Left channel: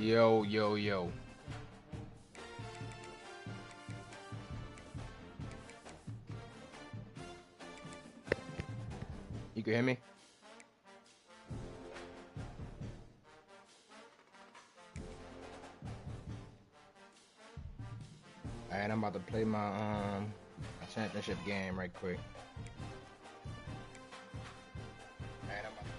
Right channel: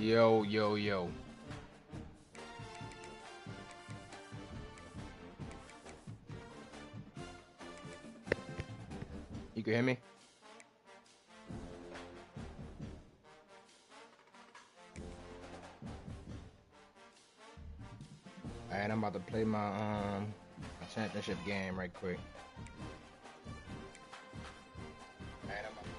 Yo, yo, yo. You can hear me? Alright, I'm about to play my championship game right quick. Alright, I'm about to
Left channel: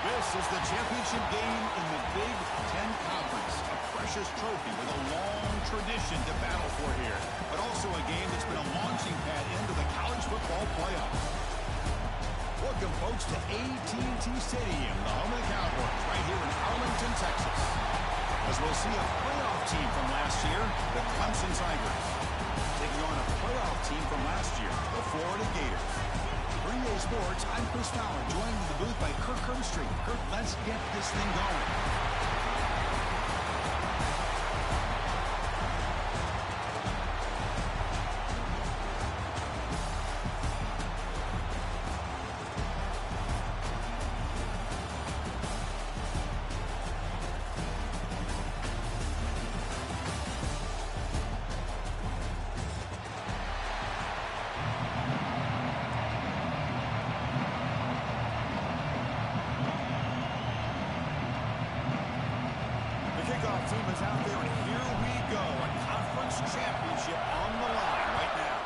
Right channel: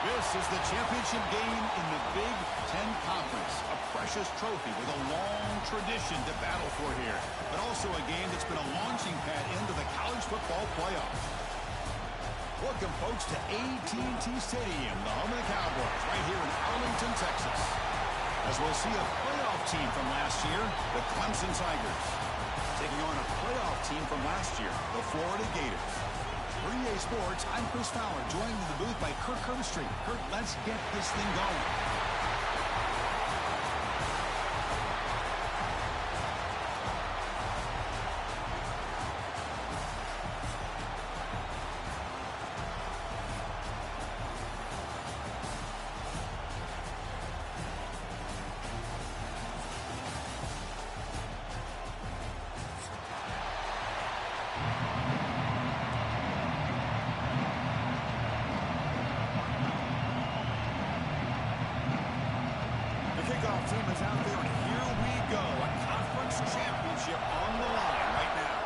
This is the championship game in the Big Ten Conference. A precious trophy with a long tradition to battle for here. But also a game that's been a launching pad into the college football playoff. Welcome, folks, to AT&T Stadium, the home of the Cowboys, right here in Arlington, Texas. As we'll see a playoff team from last year, the Clemson Tigers, taking on a playoff team from last year, the Florida Gators. For EA Sports, I'm Chris Fowler, joined in the booth by Kirk Herbstreit. Kirk, let's get this thing going. Kickoff team is out there, and here we go. A conference championship on the line right now.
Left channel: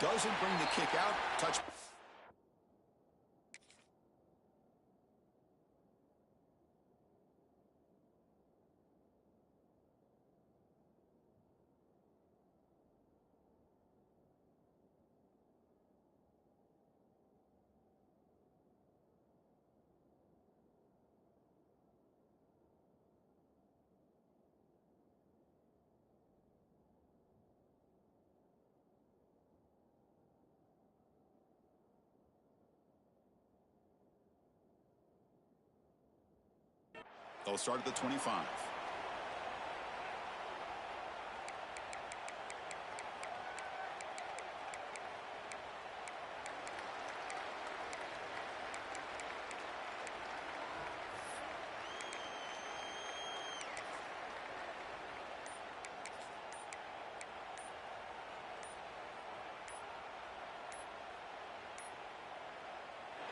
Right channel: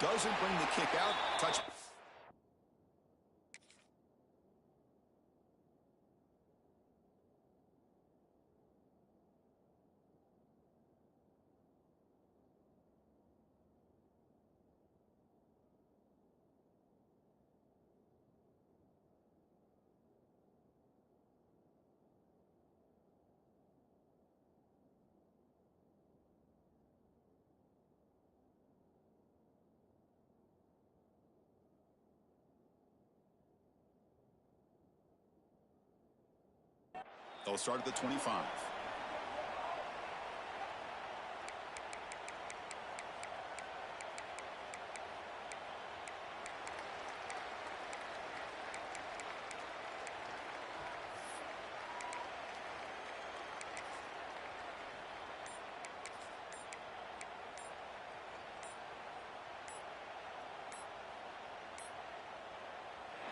Doesn't bring the kick out. Touch. They'll start at the 25.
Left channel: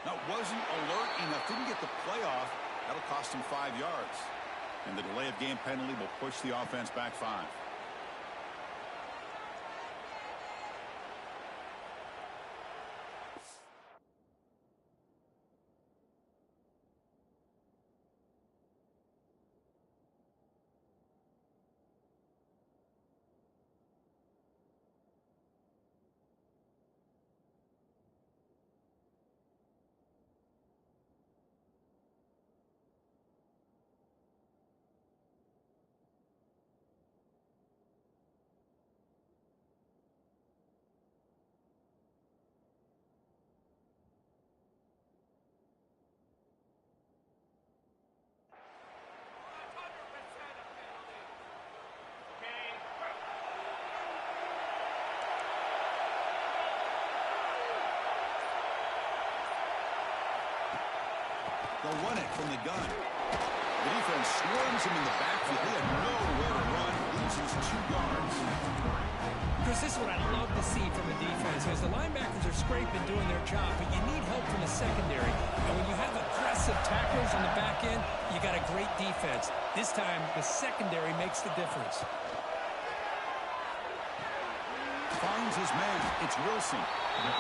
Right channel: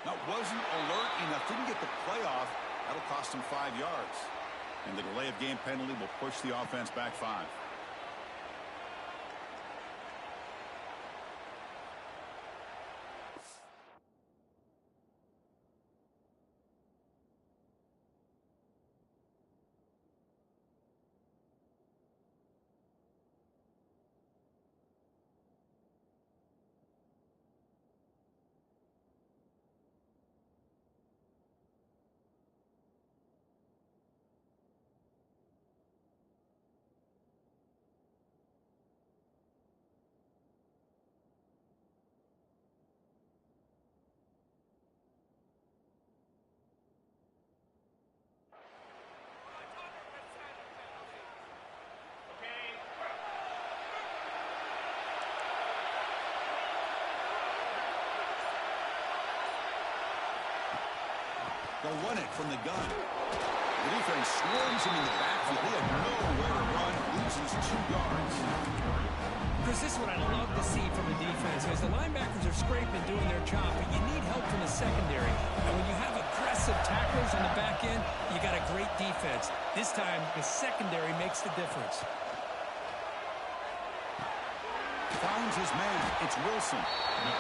Now, wasn't alert enough, didn't get the playoff. That'll cost him 5 yards. And the delay of game penalty will push the offense back 5. They'll run it from the gun. The defense swarms him in the backfield. He had nowhere to run, loses 2 yards. Chris, this is what I love to see from a defense. As the linebackers are scraping, doing their job, but you need help from the secondary. And when you have aggressive tacklers on the back end, you got a great defense. This time, the secondary makes the difference. Finds his man. It's Wilson.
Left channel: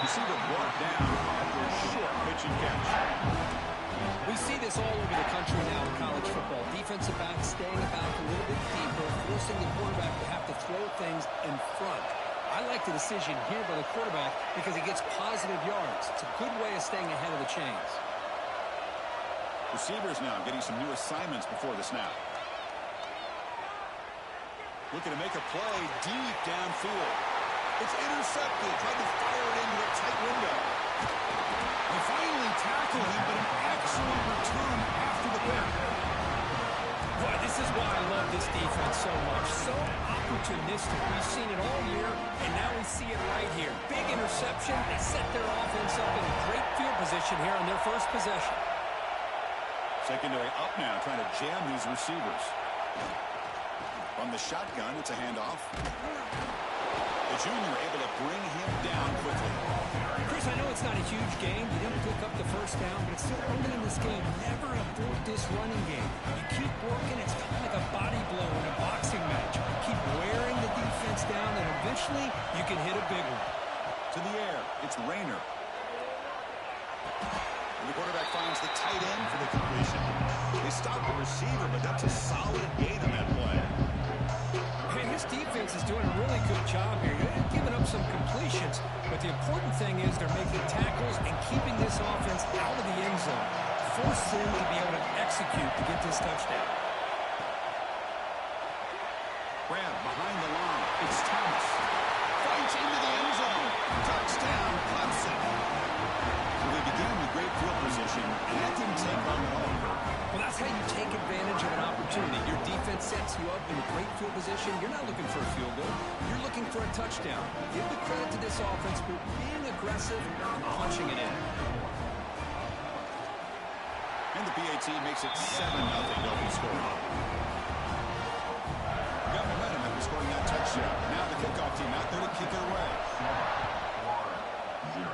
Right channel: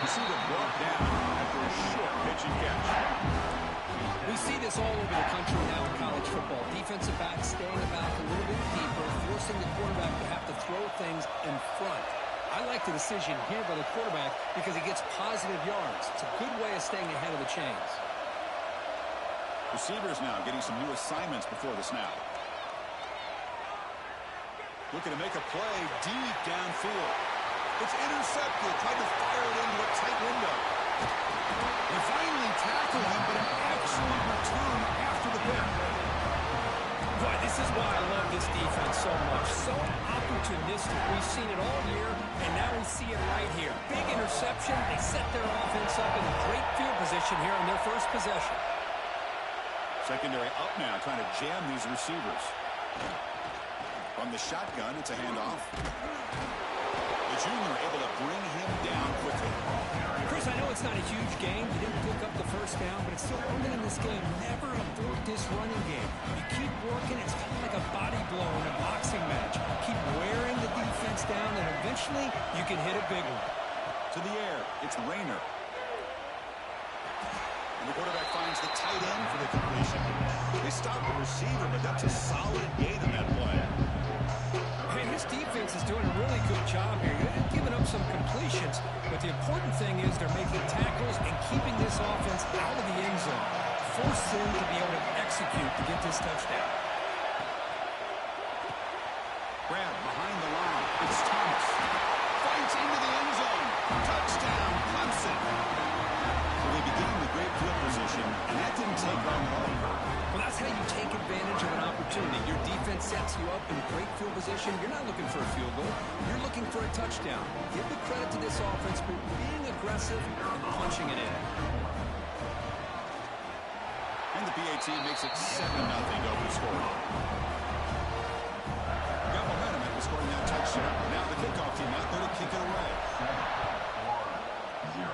Receiver brought down after a short pitch and catch. We see this all over the country now in college football. Defensive backs staying back a little bit deeper, forcing the quarterback to have to throw things in front. I like the decision here by the quarterback because he gets positive yards. It's a good way of staying ahead of the chains. Receivers now getting some new assignments before the snap. Looking to make a play deep downfield. It's intercepted. Tried to fire it into a tight window. They finally tackled him, but an excellent return after the pick. Boy, this is why I love this defense so much. So opportunistic. We've seen it all year, and now we see it right here. Big interception. They set their offense up in great field position here on their first possession. Secondary up now, trying to jam these receivers. From the shotgun, it's a handoff. The junior able to bring him down quickly. Chris, I know it's not a huge game. You didn't pick up the first down, but it's still early in this game. Never abort this running game. You keep working. It's kind of like a body blow in a boxing match. Keep wearing the defense down, and eventually you can hit a big one. To the air, it's Rayner. And the quarterback finds the tight end for the completion. They stop the receiver, but that's a solid gain on that play. Hey, this defense is doing a really good job here. They're giving up some completions, but the important thing is they're making tackles and keeping this offense out of the end zone. Force them to be able to execute to get this touchdown. Grab behind the line. It's Thomas. Fights into the end zone. Touchdown, Clemson. Well, they began with great field position, and that didn't take long at all, Kurt. Well, that's how you take advantage of an opportunity. Your defense sets you up in great field position. You're not looking for a field goal. You're looking for a touchdown. Give the credit to this offense for being aggressive and punching it in. And the PAT makes it 7-0 to open scoring. Got momentum after scoring that touchdown. Now the kickoff team out there to kick it away. 1-0.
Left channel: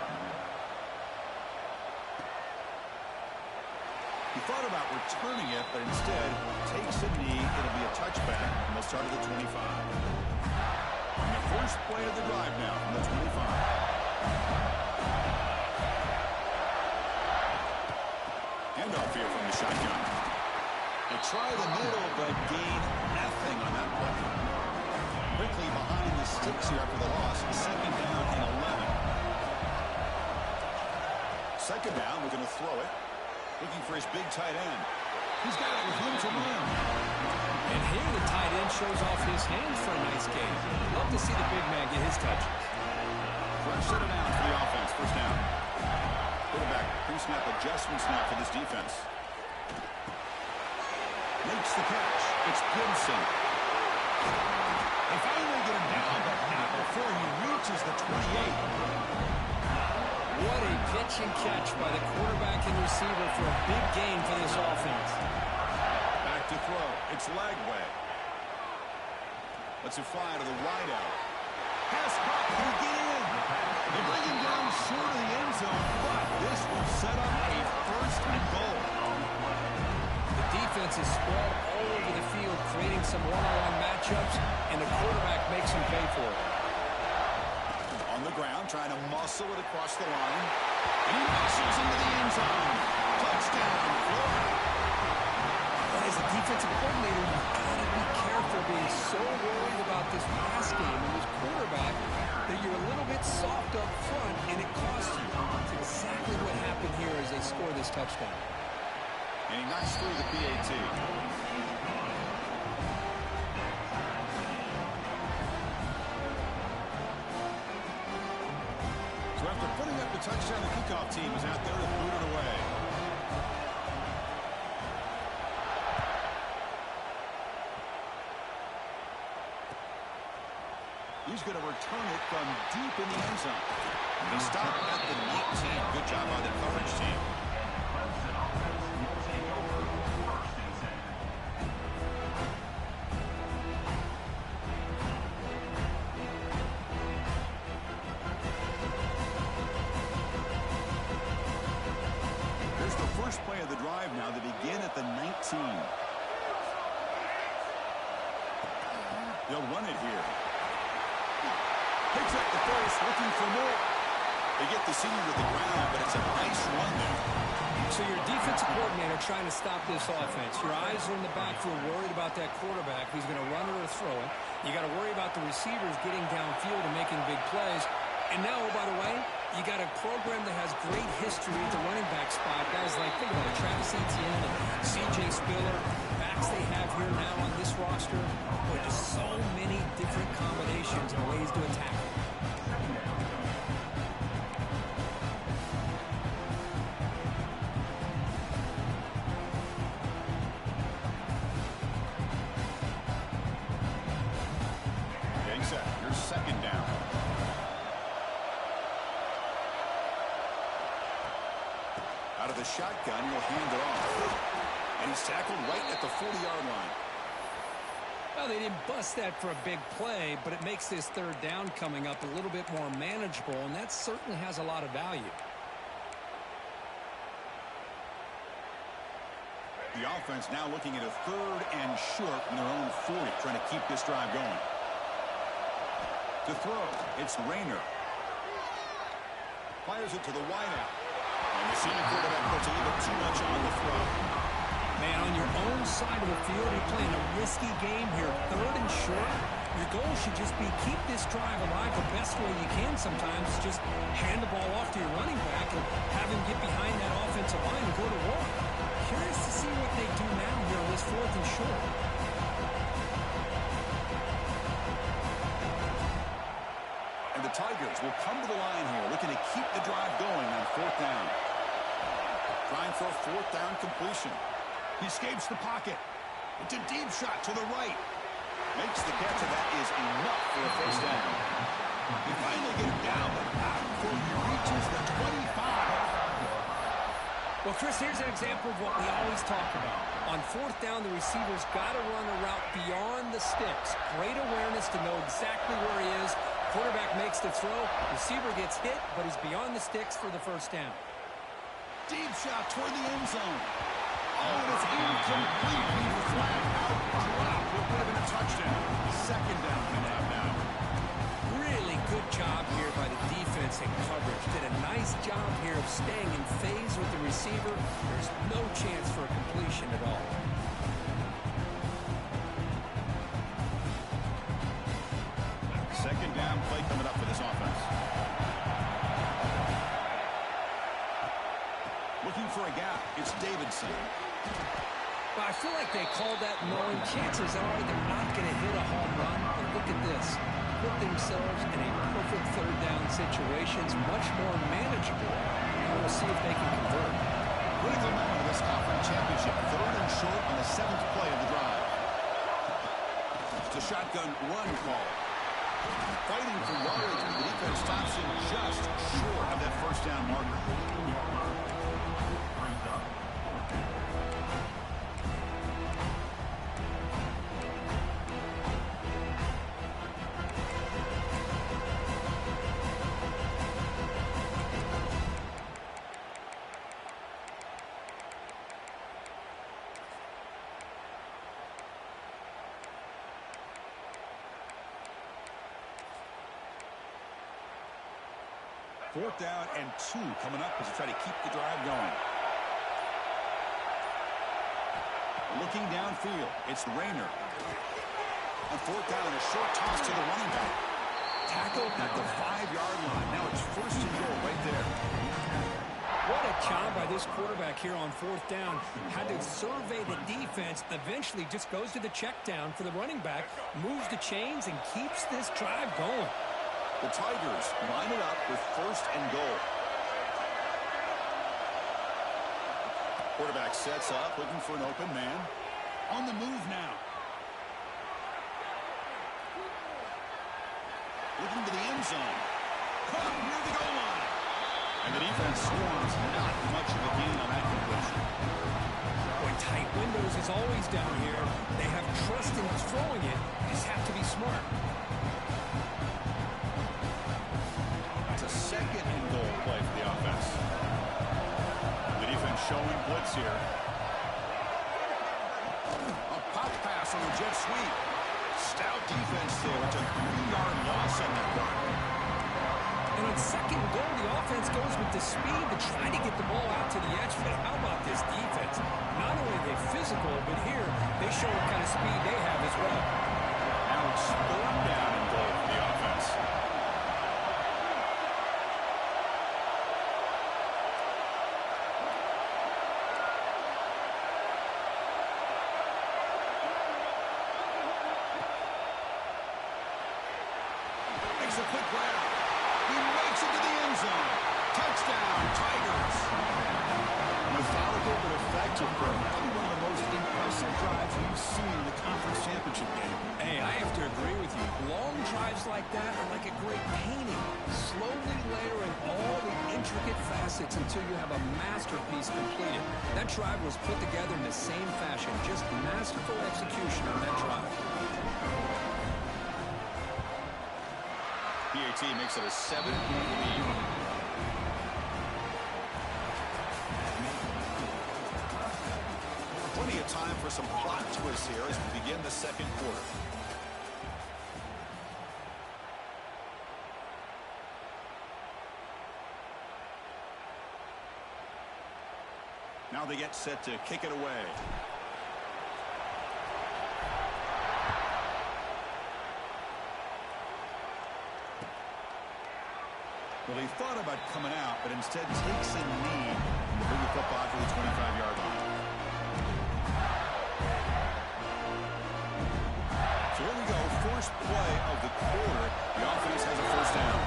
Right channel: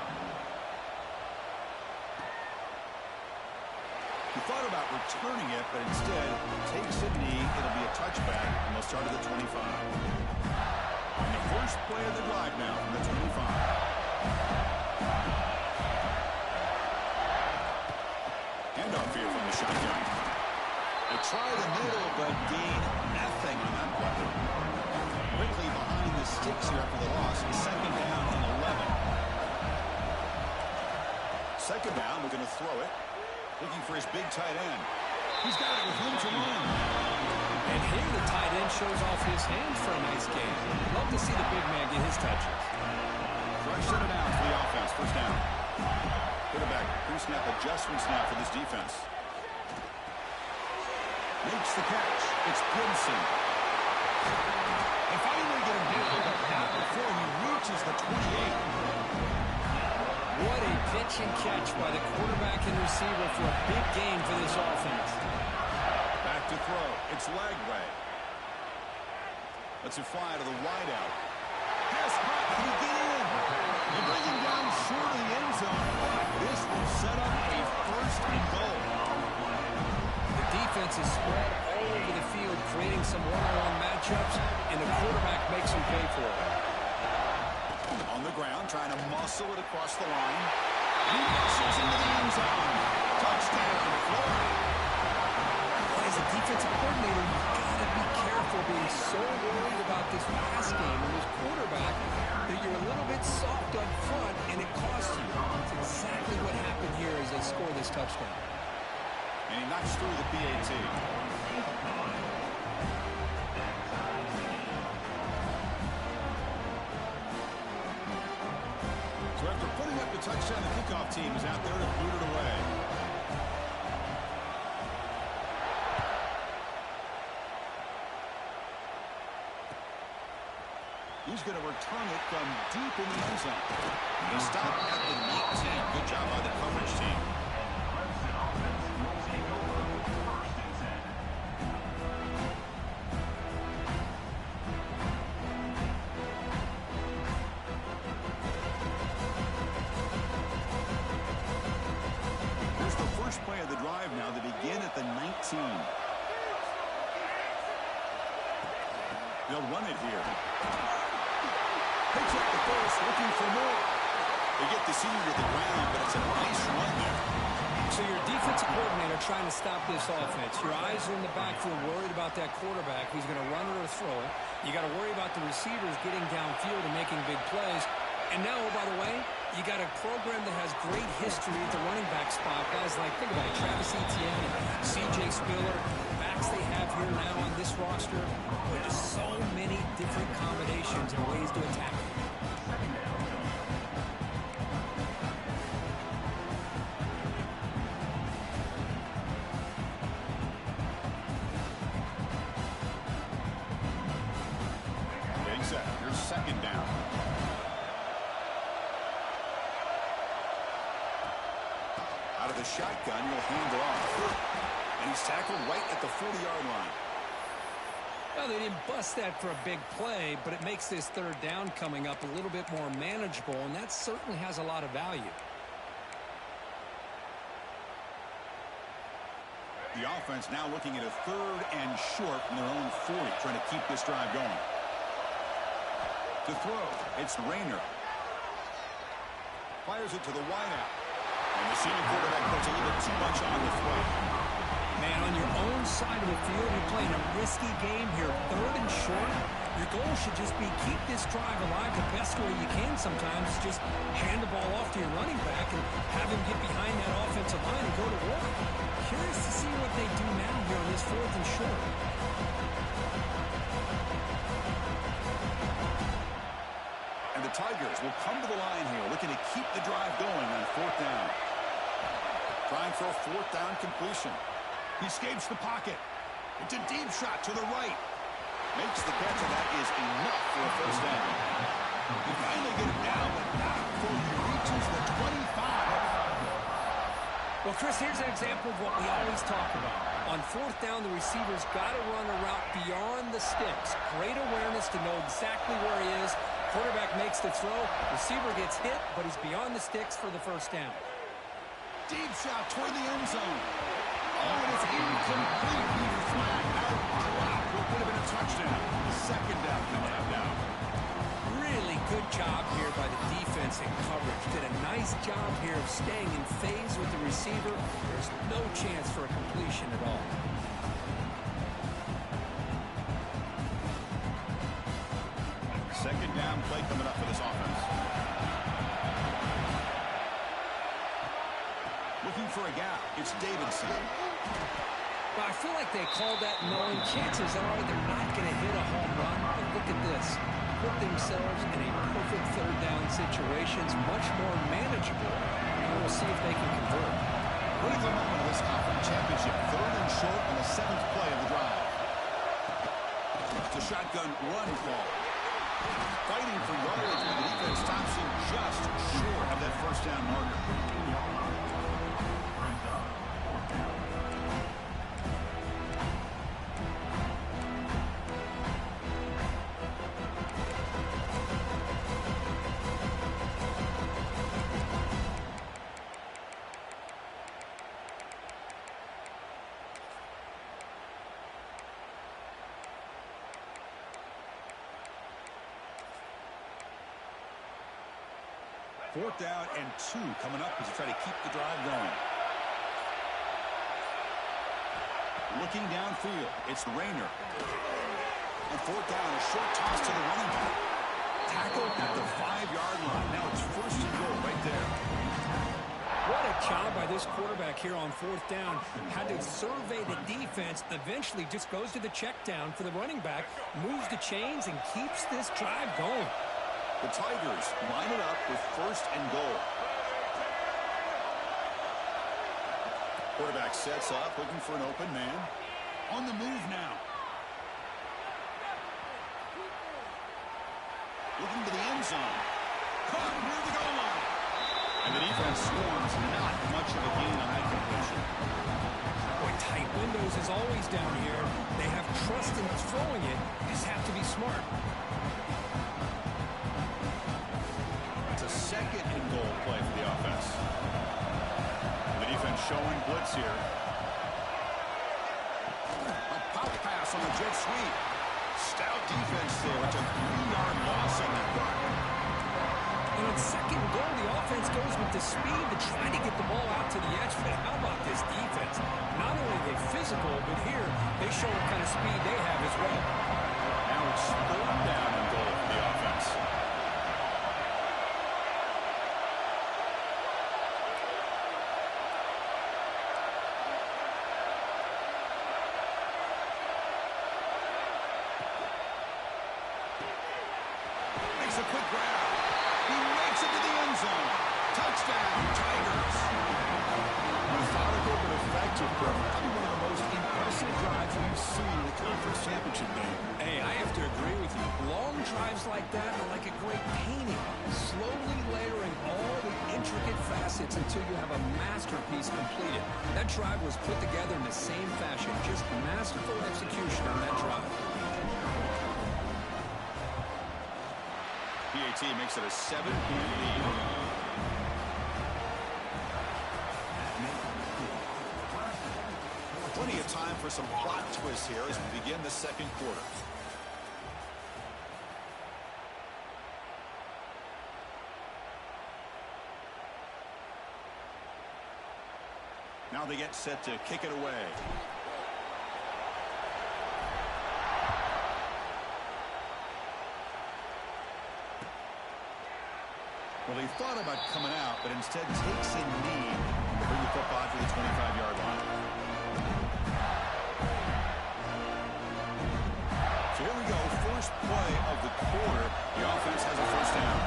He thought about returning it, but instead takes a knee. It'll be a touchback, and they'll start at the 25. And the first play of the drive now from the 25. Handoff here from the shotgun. They try the middle, but gain nothing on that play. Quickly behind the sticks here after the loss. Second down and 11. Second down, we're going to throw it. Looking for his big tight end. He's got it with him to run. And here the tight end shows off his hands for a nice game. Love to see the big man get his touches. Fresh set it down for the offense. First down. Quarterback pre-snap adjustment snap for this defense. Makes the catch. It's Gibson. They finally get him down, but not before he reaches the 28. What a pitch and catch by the quarterback and receiver for a big gain for this offense. Back to throw. It's Lagway. Lets it fly to the wideout. Pass caught. Can he get in? They bring him down short of the end zone, but this will set up a first and goal. The defense is spread all over the field, creating some one-on-one matchups, and the quarterback makes them pay for it. On the ground, trying to muscle it across the line. And he muscles into the end zone. Touchdown, Florida. Well, as a defensive coordinator, you've got to be careful being so worried about this pass game and this quarterback that you're a little bit soft up front, and it costs you. It's exactly what happened here as they score this touchdown. And he knocks through the PAT. So after putting up the touchdown, the kickoff team is out there to boot it away. He's going to return it from deep in the end zone. He stopped at the 19. Good job by the coverage team. First play of the drive now. They begin at the 19. They'll run it here. Picks up the face, looking for more. They get the senior to the ground, but it's a nice run there. So your defensive coordinator trying to stop this offense. Your eyes are in the backfield, worried about that quarterback who's going to run it or throw it. You got to worry about the receivers getting downfield and making big plays. And now, oh, by the way, you got a program that has great history at the running back spot. Guys like, think about it, Travis Etienne and C.J. Spiller, backs they have here now on this roster, but just so many different combinations and ways to attack it. Getting set. Here's second down. Out of the shotgun, he'll hand it off. And he's tackled right at the 40-yard line. Well, they didn't bust that for a big play, but it makes this third down coming up a little bit more manageable, and that certainly has a lot of value. The offense now looking at a 3rd and short from their own 40, trying to keep this drive going. To throw, it's Rayner. Fires it to the wideout. And the senior quarterback puts a little bit too much on the throw. Man, on your own side of the field, you're playing a risky game here. 3rd and short. Your goal should just be keep this drive alive the best way you can sometimes. Just hand the ball off to your running back and have him get behind that offensive line and go to work. Curious to see what they do now here on this 4th and short. And the Tigers will come to the line here, looking to keep the drive going on 4th down. Trying for a 4th down completion. He escapes the pocket. It's a deep shot to the right. Makes the catch, and that is enough for a first down. He finally get it down, but not before he reaches the 25. Well, Chris, here's an example of what we always talk about. On 4th down, the receiver's got to run a route beyond the sticks. Great awareness to know exactly where he is. Quarterback makes the throw. Receiver gets hit, but he's beyond the sticks for the first down. Deep shot toward the end zone. Oh, and it's incomplete. He flat out dropped what would have been a touchdown. Second down coming up now. Really good job here by the defense in coverage. Did a nice job here of staying in phase with the receiver. There's no chance for a completion at all. Second down play coming up for this offense. Looking for a gap. It's Davidson. Well, I feel like they called that knowing chances are they're not going to hit a home run. But look at this. Put themselves in a perfect 3rd down situations, much more manageable. And we'll see if they can convert. Critical moment of this conference championship. 3rd and short on the 7th play of the drive. It's a shotgun run call. Fighting for yardage, but the defense stops him just short of that first down marker. Fourth down and 2 coming up as they try to keep the drive going. Looking downfield, it's Rayner. On 4th down, a short toss to the running back. Tackled at the 5-yard line. Now it's 1st and goal right there. What a job by this quarterback here on 4th down. Had to survey the defense. Eventually just goes to the check down for the running back. Moves the chains and keeps this drive going. The Tigers line it up with 1st and goal. Quarterback sets up, looking for an open man. On the move now. Looking to the end zone. Caught near the goal line. And the defense swarms not much of a gain on that completion. Boy, tight windows is always down here. They have trust in throwing it. You just have to be smart. It's a 2nd and goal play for the offense. The defense showing blitz here. A pop pass on the jet sweep. Stout defense there. It's a 3-yard loss on that run. And on 2nd and goal, the offense goes with the speed to try to get the ball out to the edge. But how about this defense? Not only are they physical, but here they show what kind of speed they have as well. Now it's 3rd down and goal for the offense. makes a quick grab. He makes it to the end zone. Touchdown, Tigers. Methodical but effective, probably one of the most impressive drives we've seen in the conference championship game. Hey, I have to agree with you. Long drives like that are like a great painting, slowly layering all the intricate facets until you have a masterpiece completed. That drive was put together in the same fashion, just masterful execution on that drive. PAT makes it a 7-point lead. Plenty of time for some plot twists here as we begin the second quarter. Now they get set to kick it away. Well, he thought about coming out, but instead takes a knee to bring the football to the 25-yard line. So here we go, first play of the quarter. The offense has a first down.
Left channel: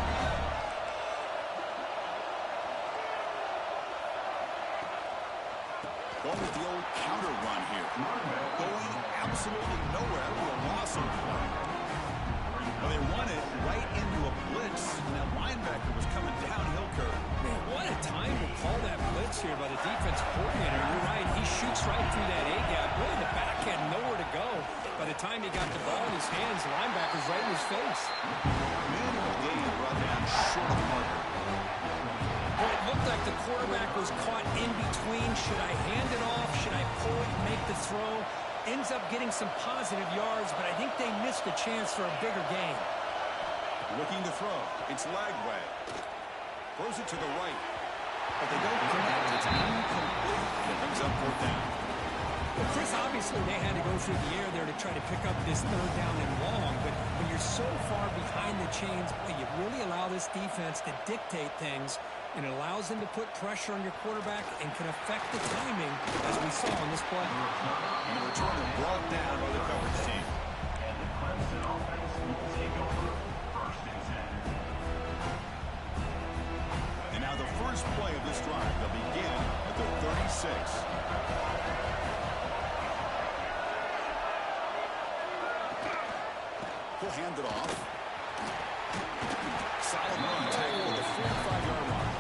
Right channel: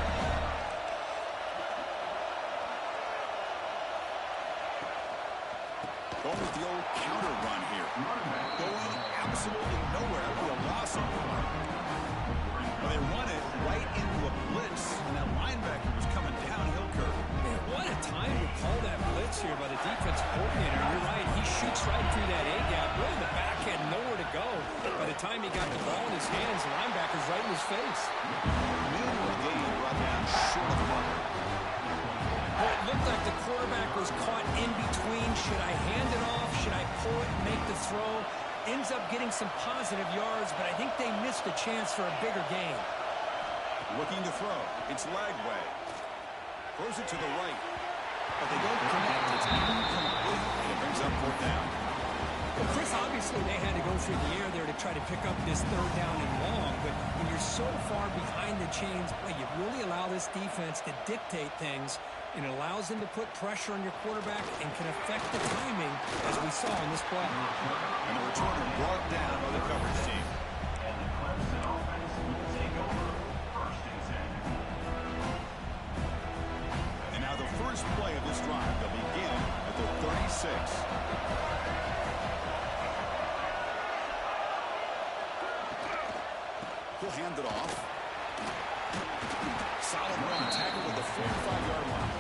Going with the old counter run here. Going absolutely nowhere. That'll be a loss on play. Well, they run it right into a blitz, and that linebacker was coming downhill curve. Man, what a time to call that blitz here by the defense coordinator. You're right. He shoots right through that A-gap. Really, the back had nowhere to go. By the time he got the ball in his hands, the linebacker's right in his face. Minimal gain brought down short of the marker. Well, it looked like the quarterback was caught in between. Should I hand it off? Should I pull it and make the throw? Ends up getting some positive yards, but I think they missed a chance for a bigger gain. Looking to throw. It's Lagway. Throws it to the right. But they don't connect. It's incomplete, and it brings up fourth down. Well, Chris, obviously they had to go through the air there to try to pick up this third down and long, but when you're so far behind the chains, boy, you really allow this defense to dictate things, and it allows them to put pressure on your quarterback and can affect the timing, as we saw in this play. And the returner brought down by the coverage team. And the Clemson offense will take over first and 10. And now the first play of this drive, they'll begin at the 36. He'll hand it off. Solid run, tackled at the 45-yard line.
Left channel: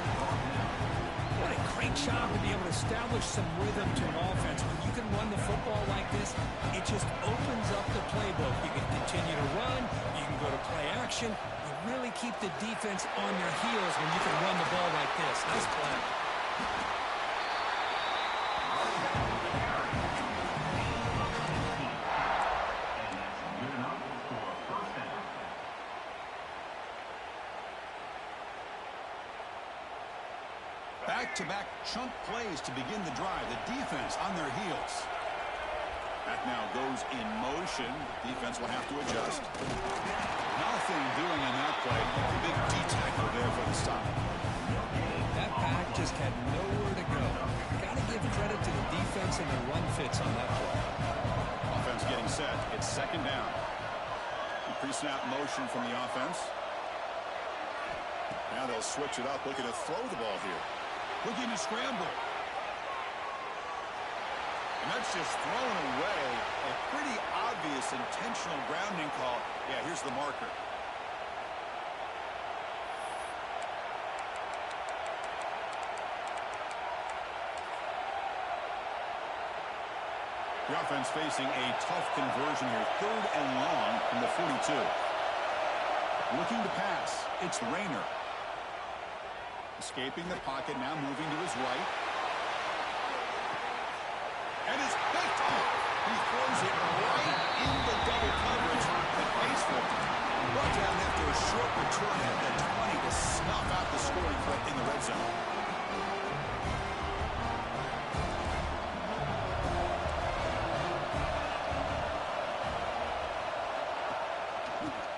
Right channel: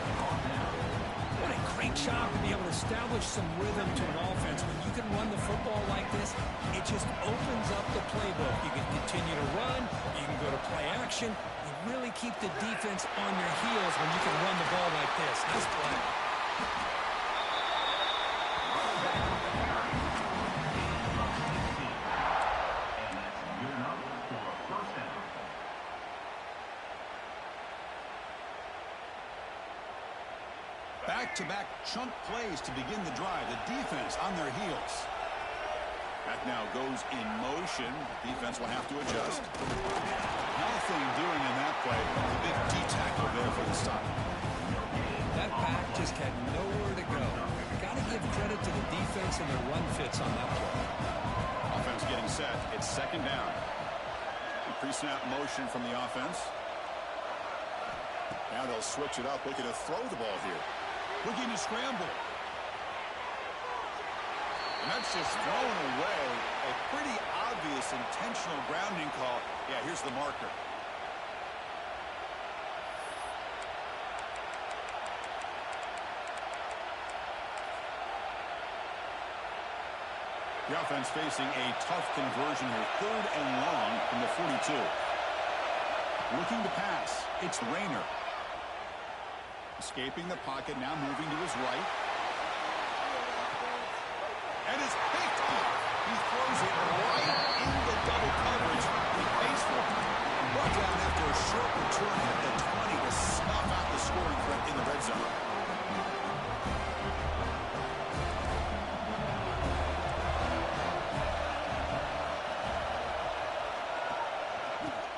What a great job to be able to establish some rhythm to an offense. When you can run the football like this, it just opens up the playbook. You can continue to run. You can go to play action. You really keep the defense on your heels when you can run the ball like this. Nice play. Back-to-back chunk plays to begin the drive. The defense on their heels. That now goes in motion. Defense will have to adjust. Nothing doing in that play. The big D-tackle there for the stop. That back just had nowhere to go. Got to give credit to the defense and their run fits on that play. Offense getting set. It's second down. Pre-snap motion from the offense. Now they'll switch it up, looking to throw the ball here. Looking to scramble. And that's just thrown away. A pretty obvious intentional grounding call. Yeah, here's the marker. The offense facing a tough conversion here. Third and long from the 42. Looking to pass. It's Rayner. Escaping the pocket, now moving to his right. And it's picked off. He throws it right into double coverage and pays for it. Brought down after a short return at the 20 to snuff out the scoring threat in the red zone.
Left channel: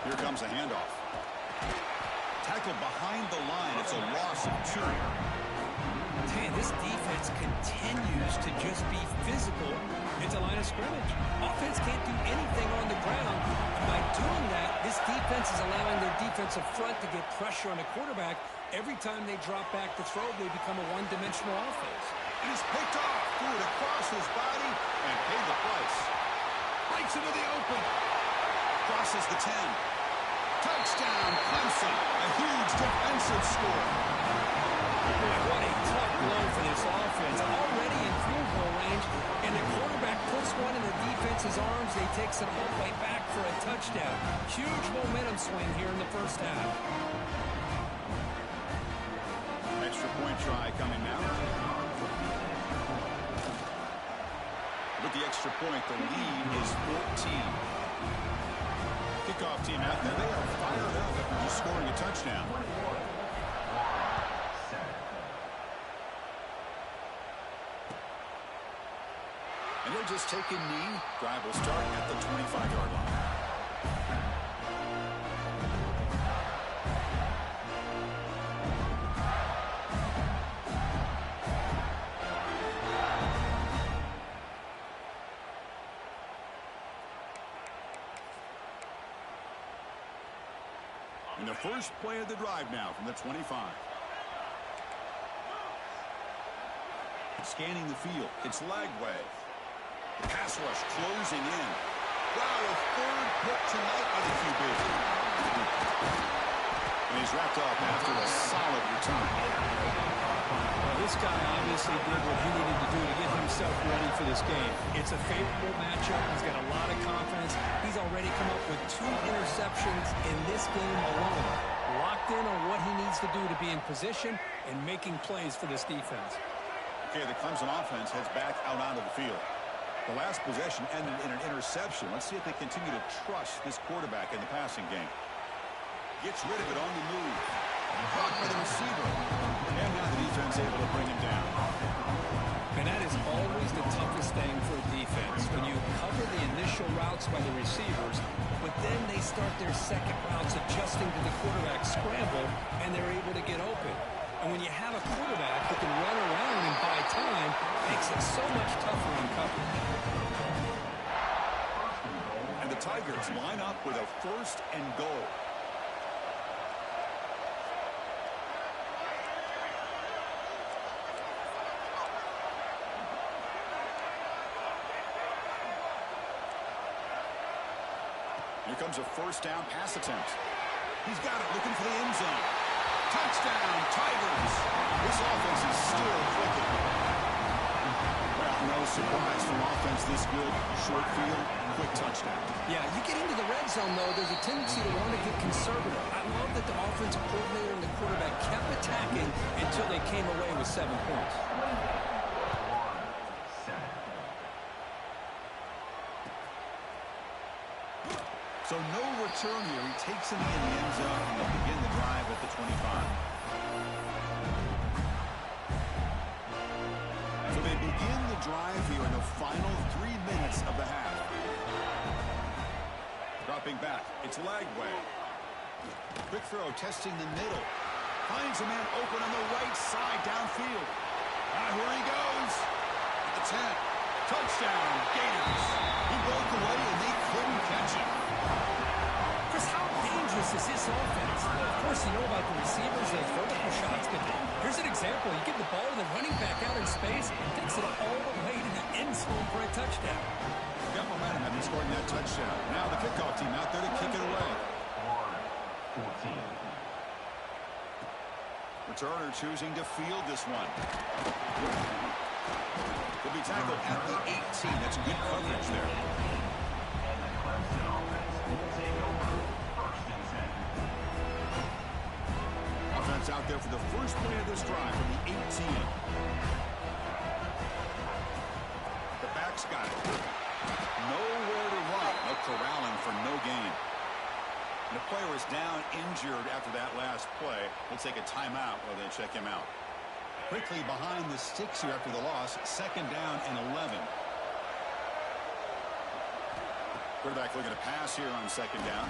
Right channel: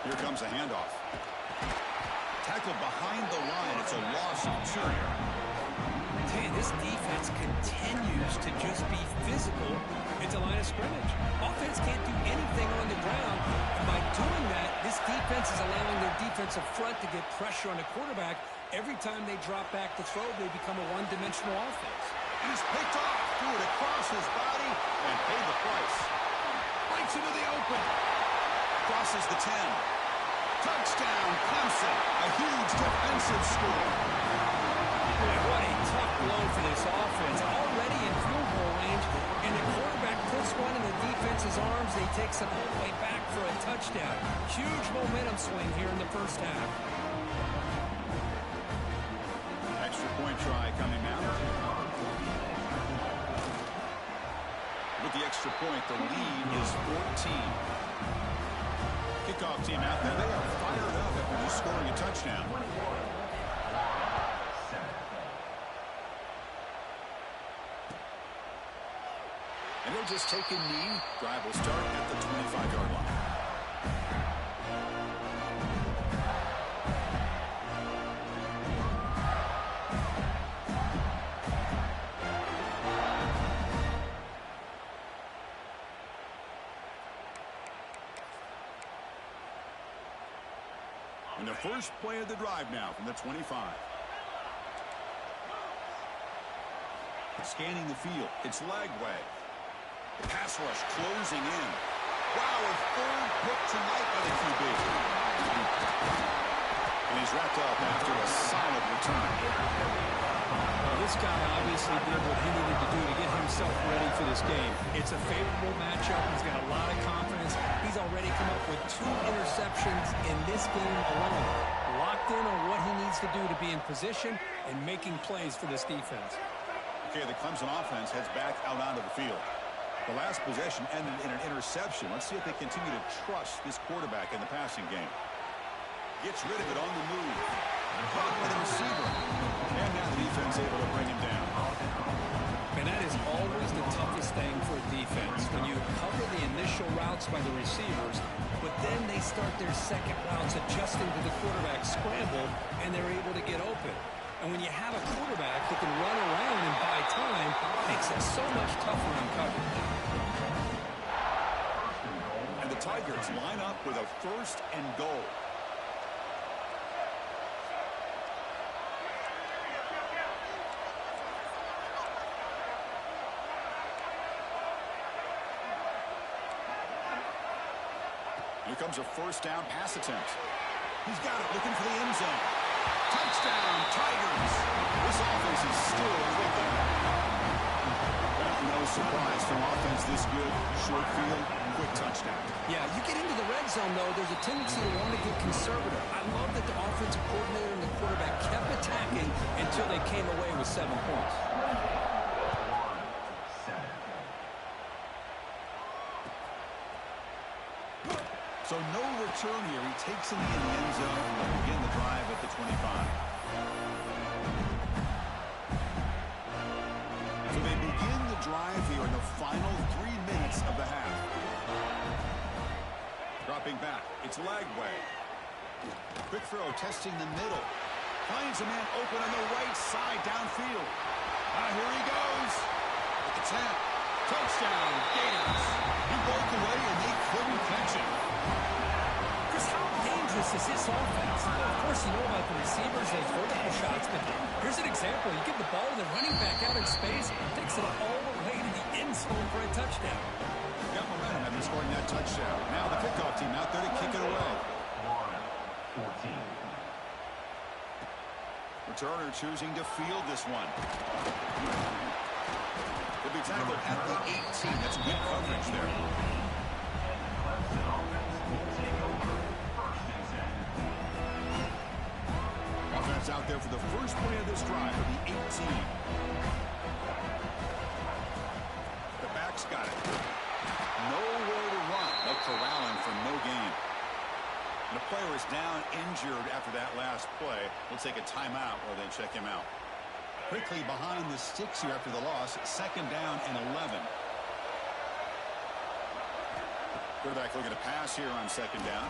Here comes a handoff. Tackled behind the line. It's a loss of 2. Man, this defense continues to just be physical at the line of scrimmage. Offense can't do anything on the ground, and by doing that, This defense is allowing their defensive front to get pressure on the quarterback. Every time they drop back to throw, they become a one-dimensional offense. It is picked off, threw it across his body, and paid the price. Breaks into the open. Crosses the 10. Touchdown, Clemson. A huge defensive score. Boy, what a tough blow for this offense. Already in field goal range, and the quarterback puts one in the defense's arms. They takes it all the way back for a touchdown. Huge momentum swing here in the first half. Extra point try coming now. With the extra point, the lead is 14. Kickoff team out there. They are fired up after just scoring a touchdown. And they're just taking knee. Drive will start at the 25-yard line. And the first play of the drive now from the 25. Scanning the field. It's Lagway. The pass rush closing in. Wow, a third pick tonight by the QB. And he's wrapped up after a solid return. Well, this guy obviously did what he needed to do to get himself ready for this game. It's a favorable matchup. He's got a lot of confidence. He's already come up with 2 interceptions in this game alone. Locked in on what he needs to do to be in position and making plays for this defense. Okay, the Clemson offense heads back out onto the field. The last possession ended in an interception. Let's see if they continue to trust this quarterback in the passing game. Gets rid of it on the move. Caught by the receiver. And now the defense able to bring him down. And that is always the toughest thing for a defense. When you cover the initial routes by the receivers, but then they start their second routes adjusting to the quarterback's scramble, and they're able to get open. And when you have a quarterback who can run around and buy time, it makes it so much tougher on coverage. And the Tigers line up with a 1st and goal. Here comes a 1st down pass attempt. He's got it, looking for the end zone. Touchdown, Tigers. This offense is still clicking. Well, no surprise from offense this good. Short field, quick touchdown. Yeah, you get into the red zone, though, there's a tendency to want to get conservative. I love that the offensive coordinator and the quarterback kept attacking until they came away with 7 points. So no return here. He takes it in the end zone and they'll begin the drive at the 25. So they begin the drive here in the final 3 minutes of the half. Dropping back. It's Lagway. Quick throw, testing the middle. Finds a man open on the right side downfield. Here he goes. At the 10. Touchdown, Gators. He broke away and they couldn't catch him. Chris, how dangerous is this offense? Well, of course, you know about the receivers, those vertical shots, but here's an example. You give the ball to the running back out in space, takes it all the way to the end zone for a touchdown. Got momentum after scoring that touchdown. Now the kickoff team out there to kick it away. 14. Returner choosing to field this one. He'll be tackled at the 18. That's good coverage there. And the Clemson offense will take over 1st and 10. Offense out there for the first play of this drive from the 18. The back's got it. Nowhere to run. No corralling for no gain. And the player is down injured after that last play. We'll take a timeout while they check him out. Quickly behind the sticks here after the loss. 2nd down and 11. Quarterback looking to pass here on 2nd down.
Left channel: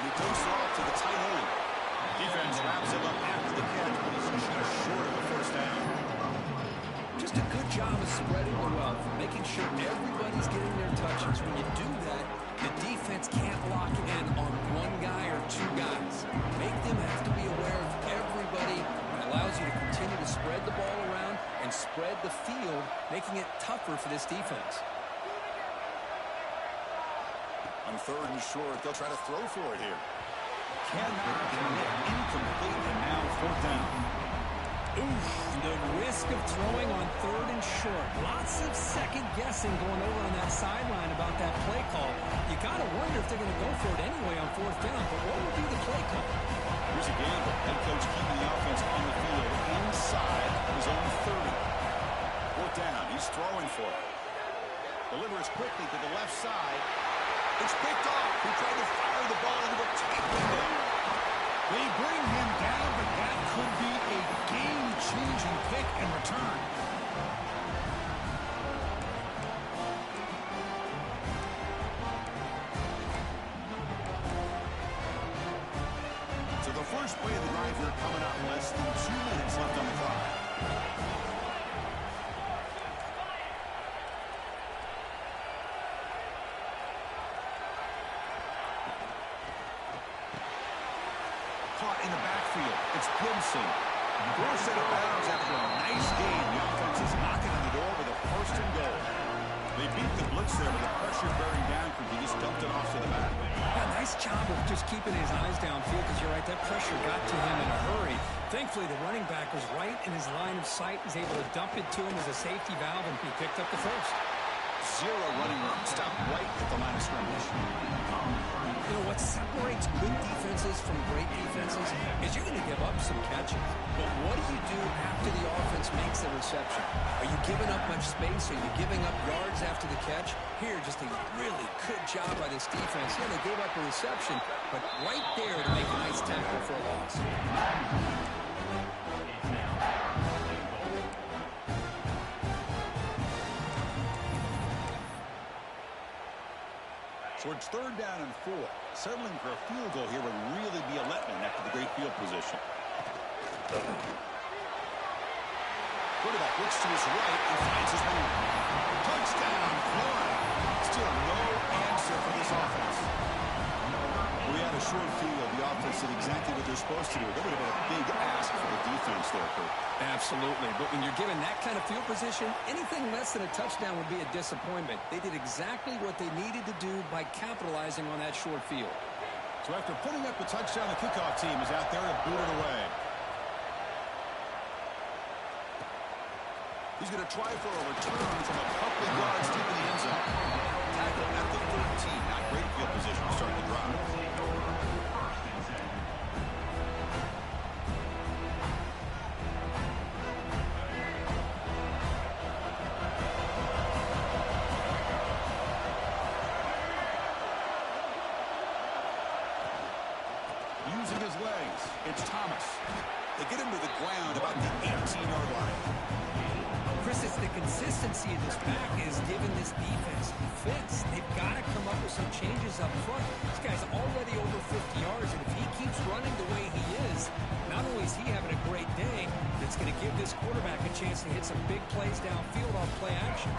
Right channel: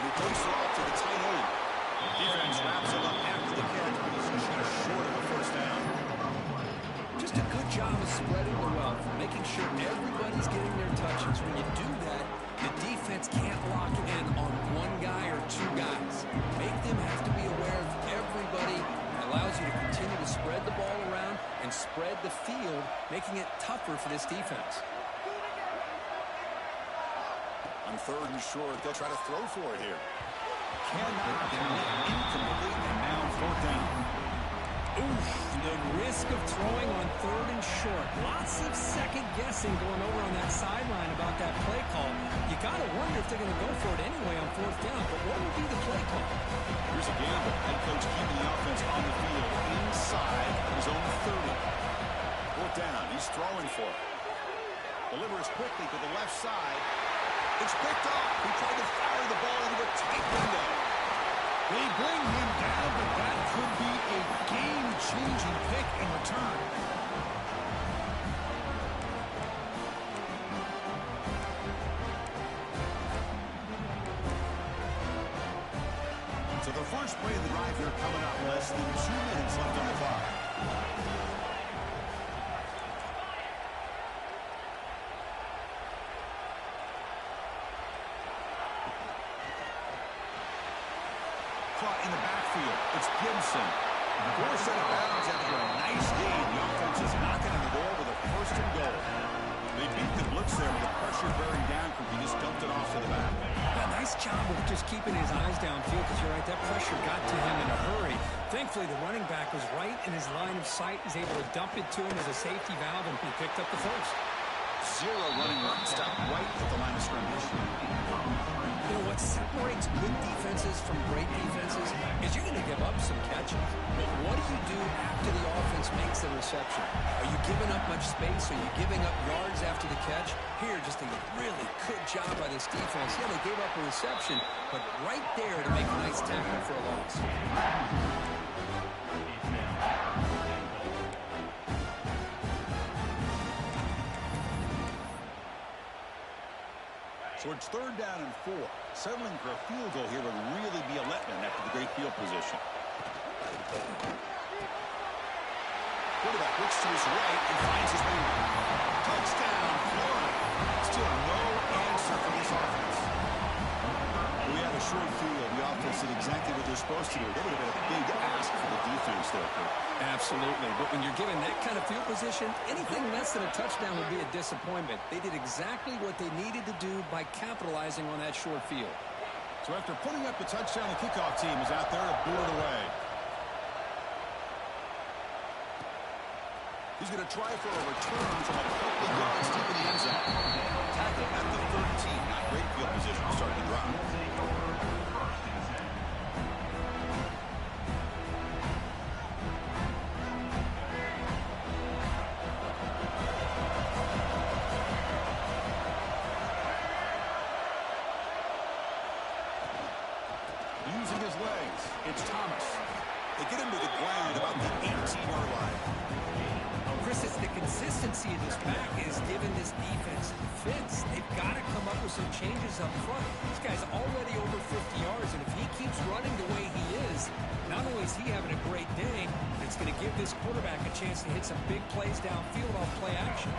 And he takes it off to the tight end. Defense wraps him up after the catch, but he's just short of a 1st down. Just a good job of spreading the wealth, making sure everybody's getting their touches. When you do that, the defense can't lock in on spread the field, making it tougher for this defense. On 3rd and short, they'll try to throw for it here. Cannot connect, incomplete, and now 4th down. Oof, the risk of throwing on 3rd and short. Lots of second guessing going over on that sideline about that play call. You got to wonder if they're going to go for it anyway on 4th down, but what will be the play call? Here's a gamble. Head coach keeping the offense on the field inside his own 30. 4th down, he's throwing for it. Delivers quickly to the left side. It's picked off. He tried to fire the ball into the tight window. They bring him down, but that could be a game-changing pick and return. So the first play of the drive here coming up. Less than 2 minutes left on the clock. Caught in the backfield. It's Gibson. Forced out of bounds after a nice gain. The offense is knocking on the door with a 1st and goal. They beat the blitz there with the pressure bearing down. He just dumped it off to the back. Yeah, nice job of just keeping his eyes downfield because you're right, that pressure got to him in a hurry. Thankfully, the running back was right in his line of sight. He's able to dump it to him as a safety valve, and he picked up the 1st. 0 running room. Stopped right at the line of scrimmage. You know, what separates good defenses from great defenses is you're going to give up some catches. But what do you do after the offense makes the reception? Are you giving up much space? Are you giving up yards after the catch? Here, just a really good job by this defense. Yeah, they gave up a reception, but right there to make a nice tackle for a loss. So it's 3rd down and 4. Settling for a field goal here would really be a letdown after the great field position. Quarterback looks to his right and finds his man. Touchdown, Florida. Still no answer for this offense. We had a short field. The offense did exactly what they're supposed to do. That would have been a big ask for the defense there, Kurt. Absolutely. But when you're given that kind of field position, anything less than a touchdown would be a disappointment. They did exactly what they needed to do by capitalizing on that short field. So after putting up a touchdown, the kickoff team is out there to boot it away. He's going to try for a return from a couple of yards deep in the end zone. Tackle at the 13. Not great field position to start the drive. Using his legs, it's Thomas. They get him to the ground about the 18-yard line. Chris, it's the consistency of this back is giving this defense fits. They've got to come up with some changes up front. This guy's already over 50 yards, and if he keeps running the way he is, not only is he having a great day, but it's going to give this quarterback a chance to hit some big plays downfield off play action.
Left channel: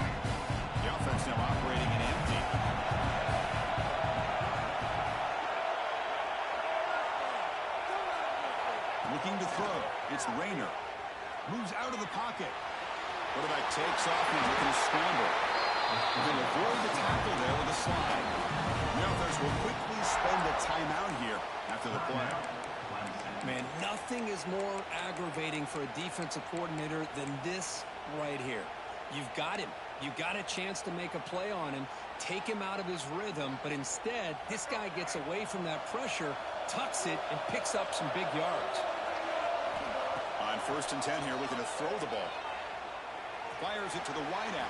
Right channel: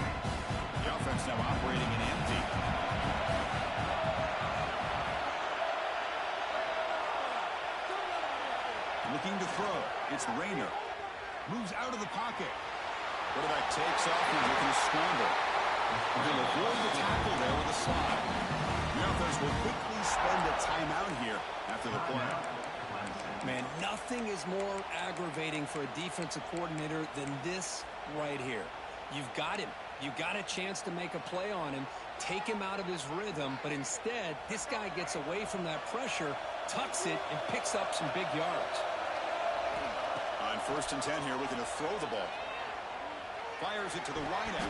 The offense now operating in empty. Looking to throw. It's Rayner. Moves out of the pocket. Quarterback takes off and looking to scramble. He'll avoid the tackle there with a slide. The offense will quickly spend a timeout here after the play. Man, nothing is more aggravating for a defensive coordinator than this right here. You've got him. You got a chance to make a play on him, take him out of his rhythm, but instead, this guy gets away from that pressure, tucks it, and picks up some big yards. On 1st and 10 here, looking to throw the ball. Fires it to the wideout.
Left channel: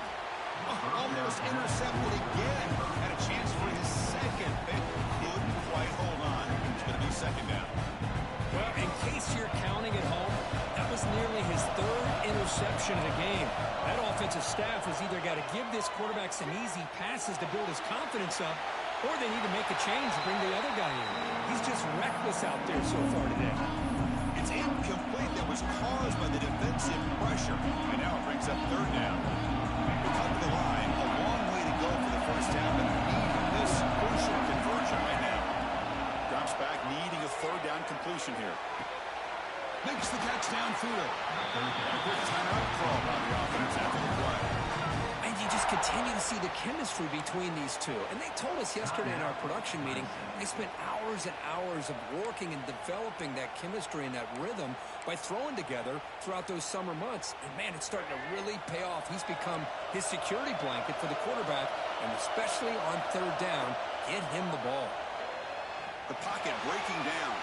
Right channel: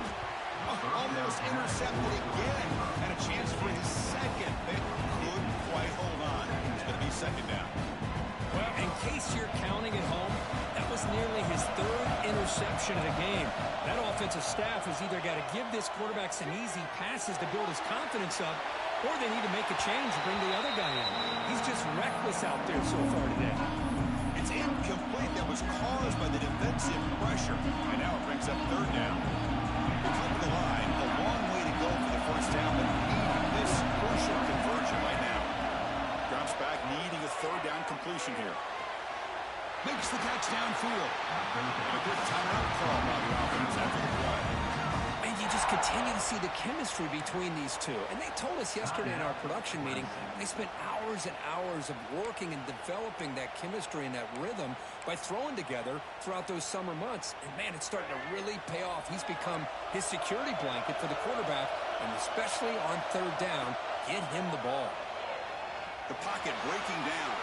Almost intercepted again. Had a chance for his second. They couldn't quite hold on. It's going to be 2nd down. Well, in case you're counting at home, that was nearly his 3rd interception of the game. That offensive staff has either got to give this quarterback some easy passes to build his confidence up, or they need to make a change and bring the other guy in. He's just reckless out there so far today. It's incomplete. That was caused by the defensive pressure. And now it brings up 3rd down. They come to the line. A long way to go for the 1st down, but needing this crucial conversion right now. Drops back, needing a 3rd down completion here. Makes the catch downfield. And a quick timeout call by the offense after the play. And you just continue to see the chemistry between these two. And they told us yesterday in our production meeting, they spent hours and hours of working and developing that chemistry and that rhythm by throwing together throughout those summer months. And, man, it's starting to really pay off. He's become his security blanket for the quarterback, and especially on third down, get him the ball. The pocket breaking down.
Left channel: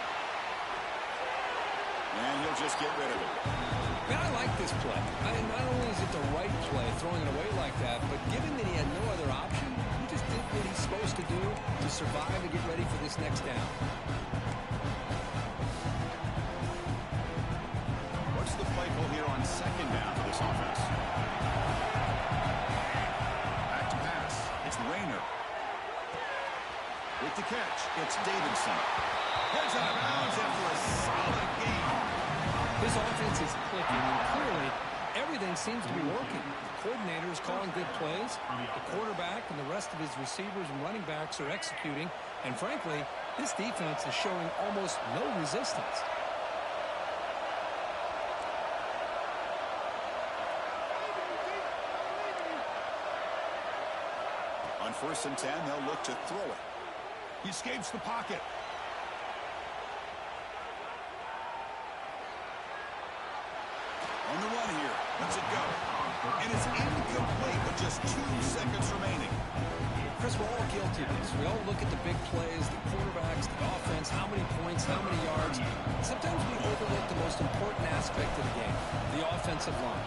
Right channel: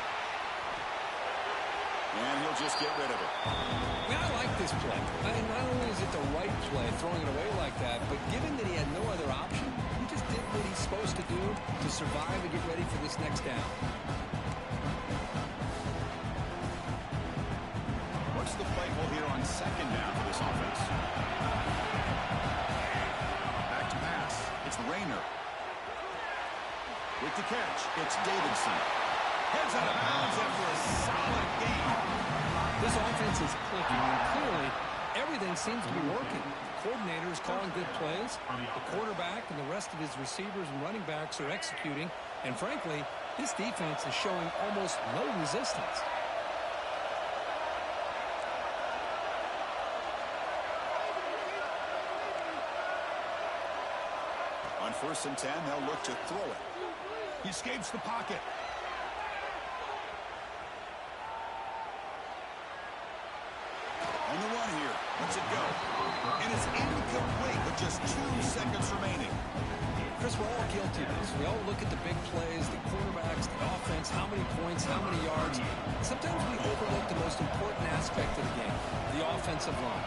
And he'll just get rid of it. I mean, I like this play. I mean, not only is it the right play, throwing it away like that, but given that he had no other option, he just did what he's supposed to do to survive and get ready for this next down. What's the play call here on second down for this offense? Back to pass. It's Rayner. With the catch, it's Davidson. Heads out of bounds after a solid game. This offense is clicking, and clearly everything seems to be working. The coordinator is calling good plays. The quarterback and the rest of his receivers and running backs are executing. And frankly, this defense is showing almost no resistance. On 1st and 10, they'll look to throw it. He escapes the pocket. On the run here. Lets it go. And it's incomplete with just 2 seconds remaining. Chris, we're all guilty of this. We all look at the big plays, the quarterbacks, the offense, how many points, how many yards. Sometimes we overlook the most important aspect of the game, the offensive line.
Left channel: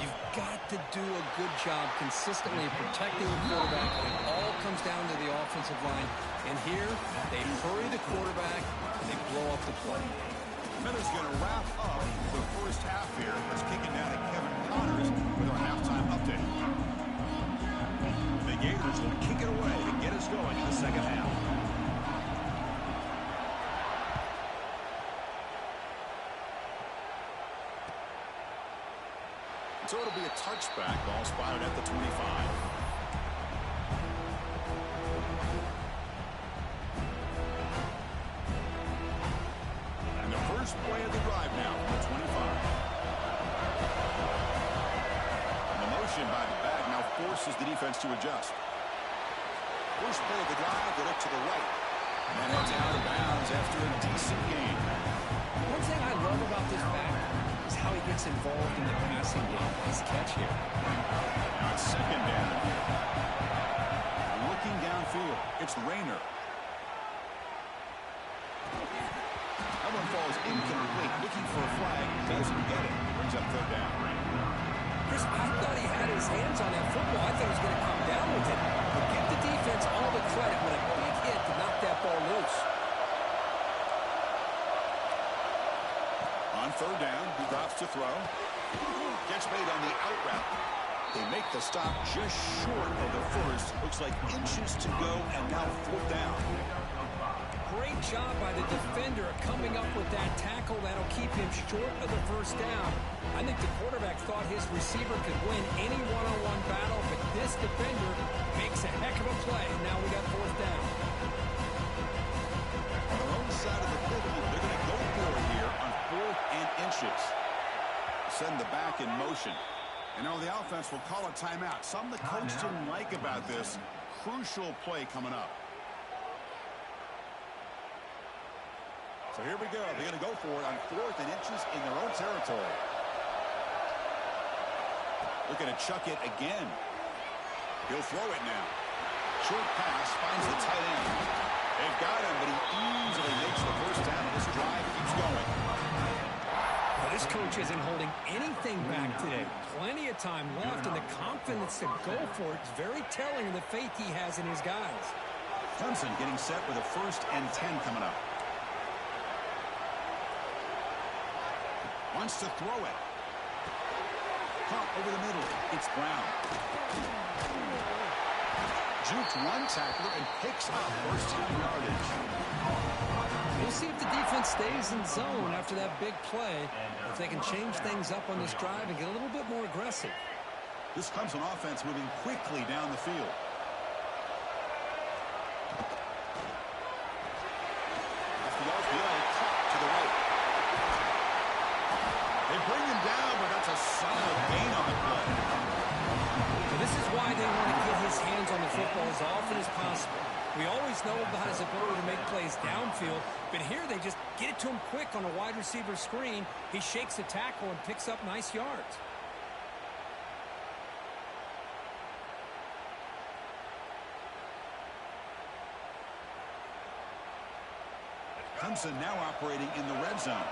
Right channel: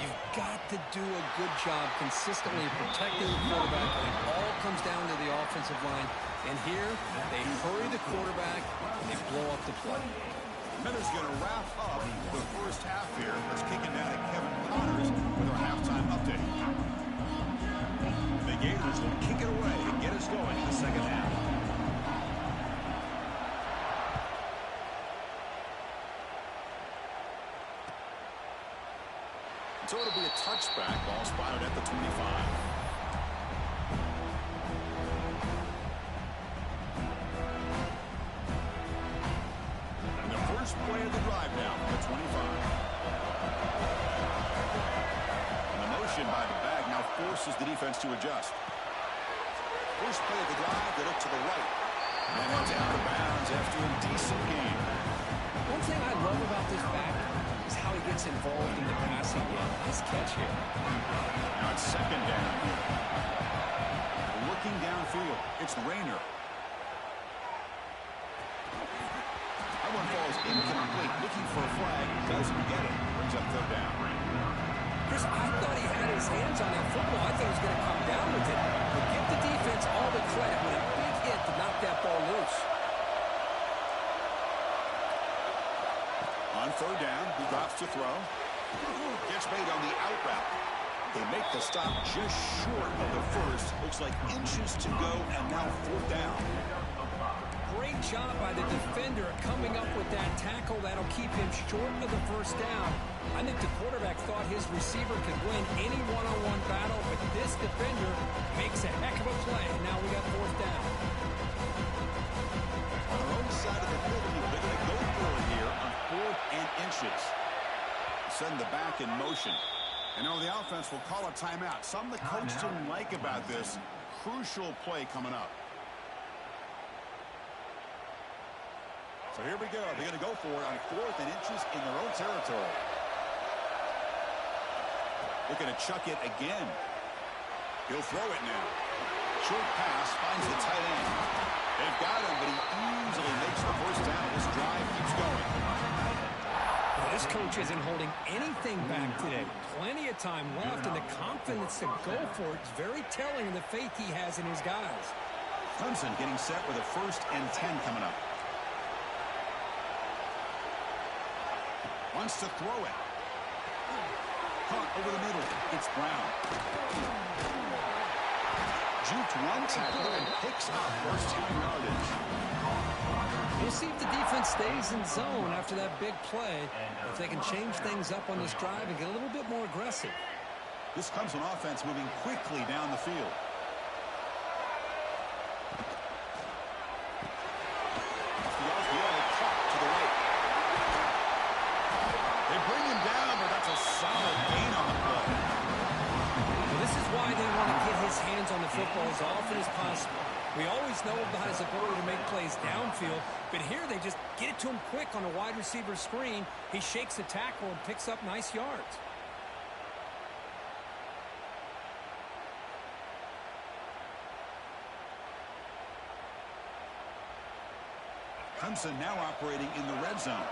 You've got to do a good job consistently protecting the quarterback, and it all comes down to the offensive line. And here, they hurry the quarterback, and they blow up the play. Miller's going to wrap up the first half here. Let's kick it down to Kevin Connors with our halftime update. The Gators will kick it away to get us going in the second half. So it'll be a touchback. Ball spotted at the 25. And the first play of the drive now from the 25. And the motion by the back now forces the defense to adjust. First play of the drive, they look to the right. And heads out of bounds after a decent game. One thing I love about this back is how he gets involved in the passing game. Nice catch here. Now it's second down here. Looking downfield, it's Rayner. That one falls incomplete. Looking for a flag, doesn't get it. Brings up third down. Chris, I thought he had his hands on that football. I thought he was going to come down with it. But give the defense all the credit with a big hit to knock that ball loose. On third down, he drops to throw. Gets made on the out route. They make the stop just short of the first. Looks like inches to go, and now fourth down. Great job by the defender coming up with that tackle. That'll keep him short of the first down. I think the quarterback thought his receiver could win any one-on-one battle, but this defender makes a heck of a play. Now we got fourth down. On their own side of the 50, they're going to go for it here on 4th and inches. Send the back in motion. And now the offense will call a timeout. Something the coach didn't like about this. Crucial play coming up. So here we go. They're going to go for it on 4th and inches in their own territory. Looking to chuck it again. He'll throw it now. Short pass finds the tight end. They've got him, but he easily makes the first down, and this drive keeps going. Well, this coach isn't holding anything back today. Plenty of time left, and the confidence to go for it is very telling of the faith he has in his guys. Clemson getting set with a 1st and 10 coming up. Wants to throw it. Caught over the middle. It's Brown. Juked one tackler and picks up first down yardage. We'll see if the defense stays in zone after that big play, if they can change things up on this drive and get a little bit more aggressive. This Clemson offense moving quickly down the field. Off the RPO, caught to the right. bring him down, but that's a solid gain on the play. Well, this is why they want to get his hands on the football as often as possible. We always know about his ability to make plays downfield, but here they just get it to him quick on a wide receiver screen. He shakes the tackle and picks up nice yards. Clemson now operating in the red zone.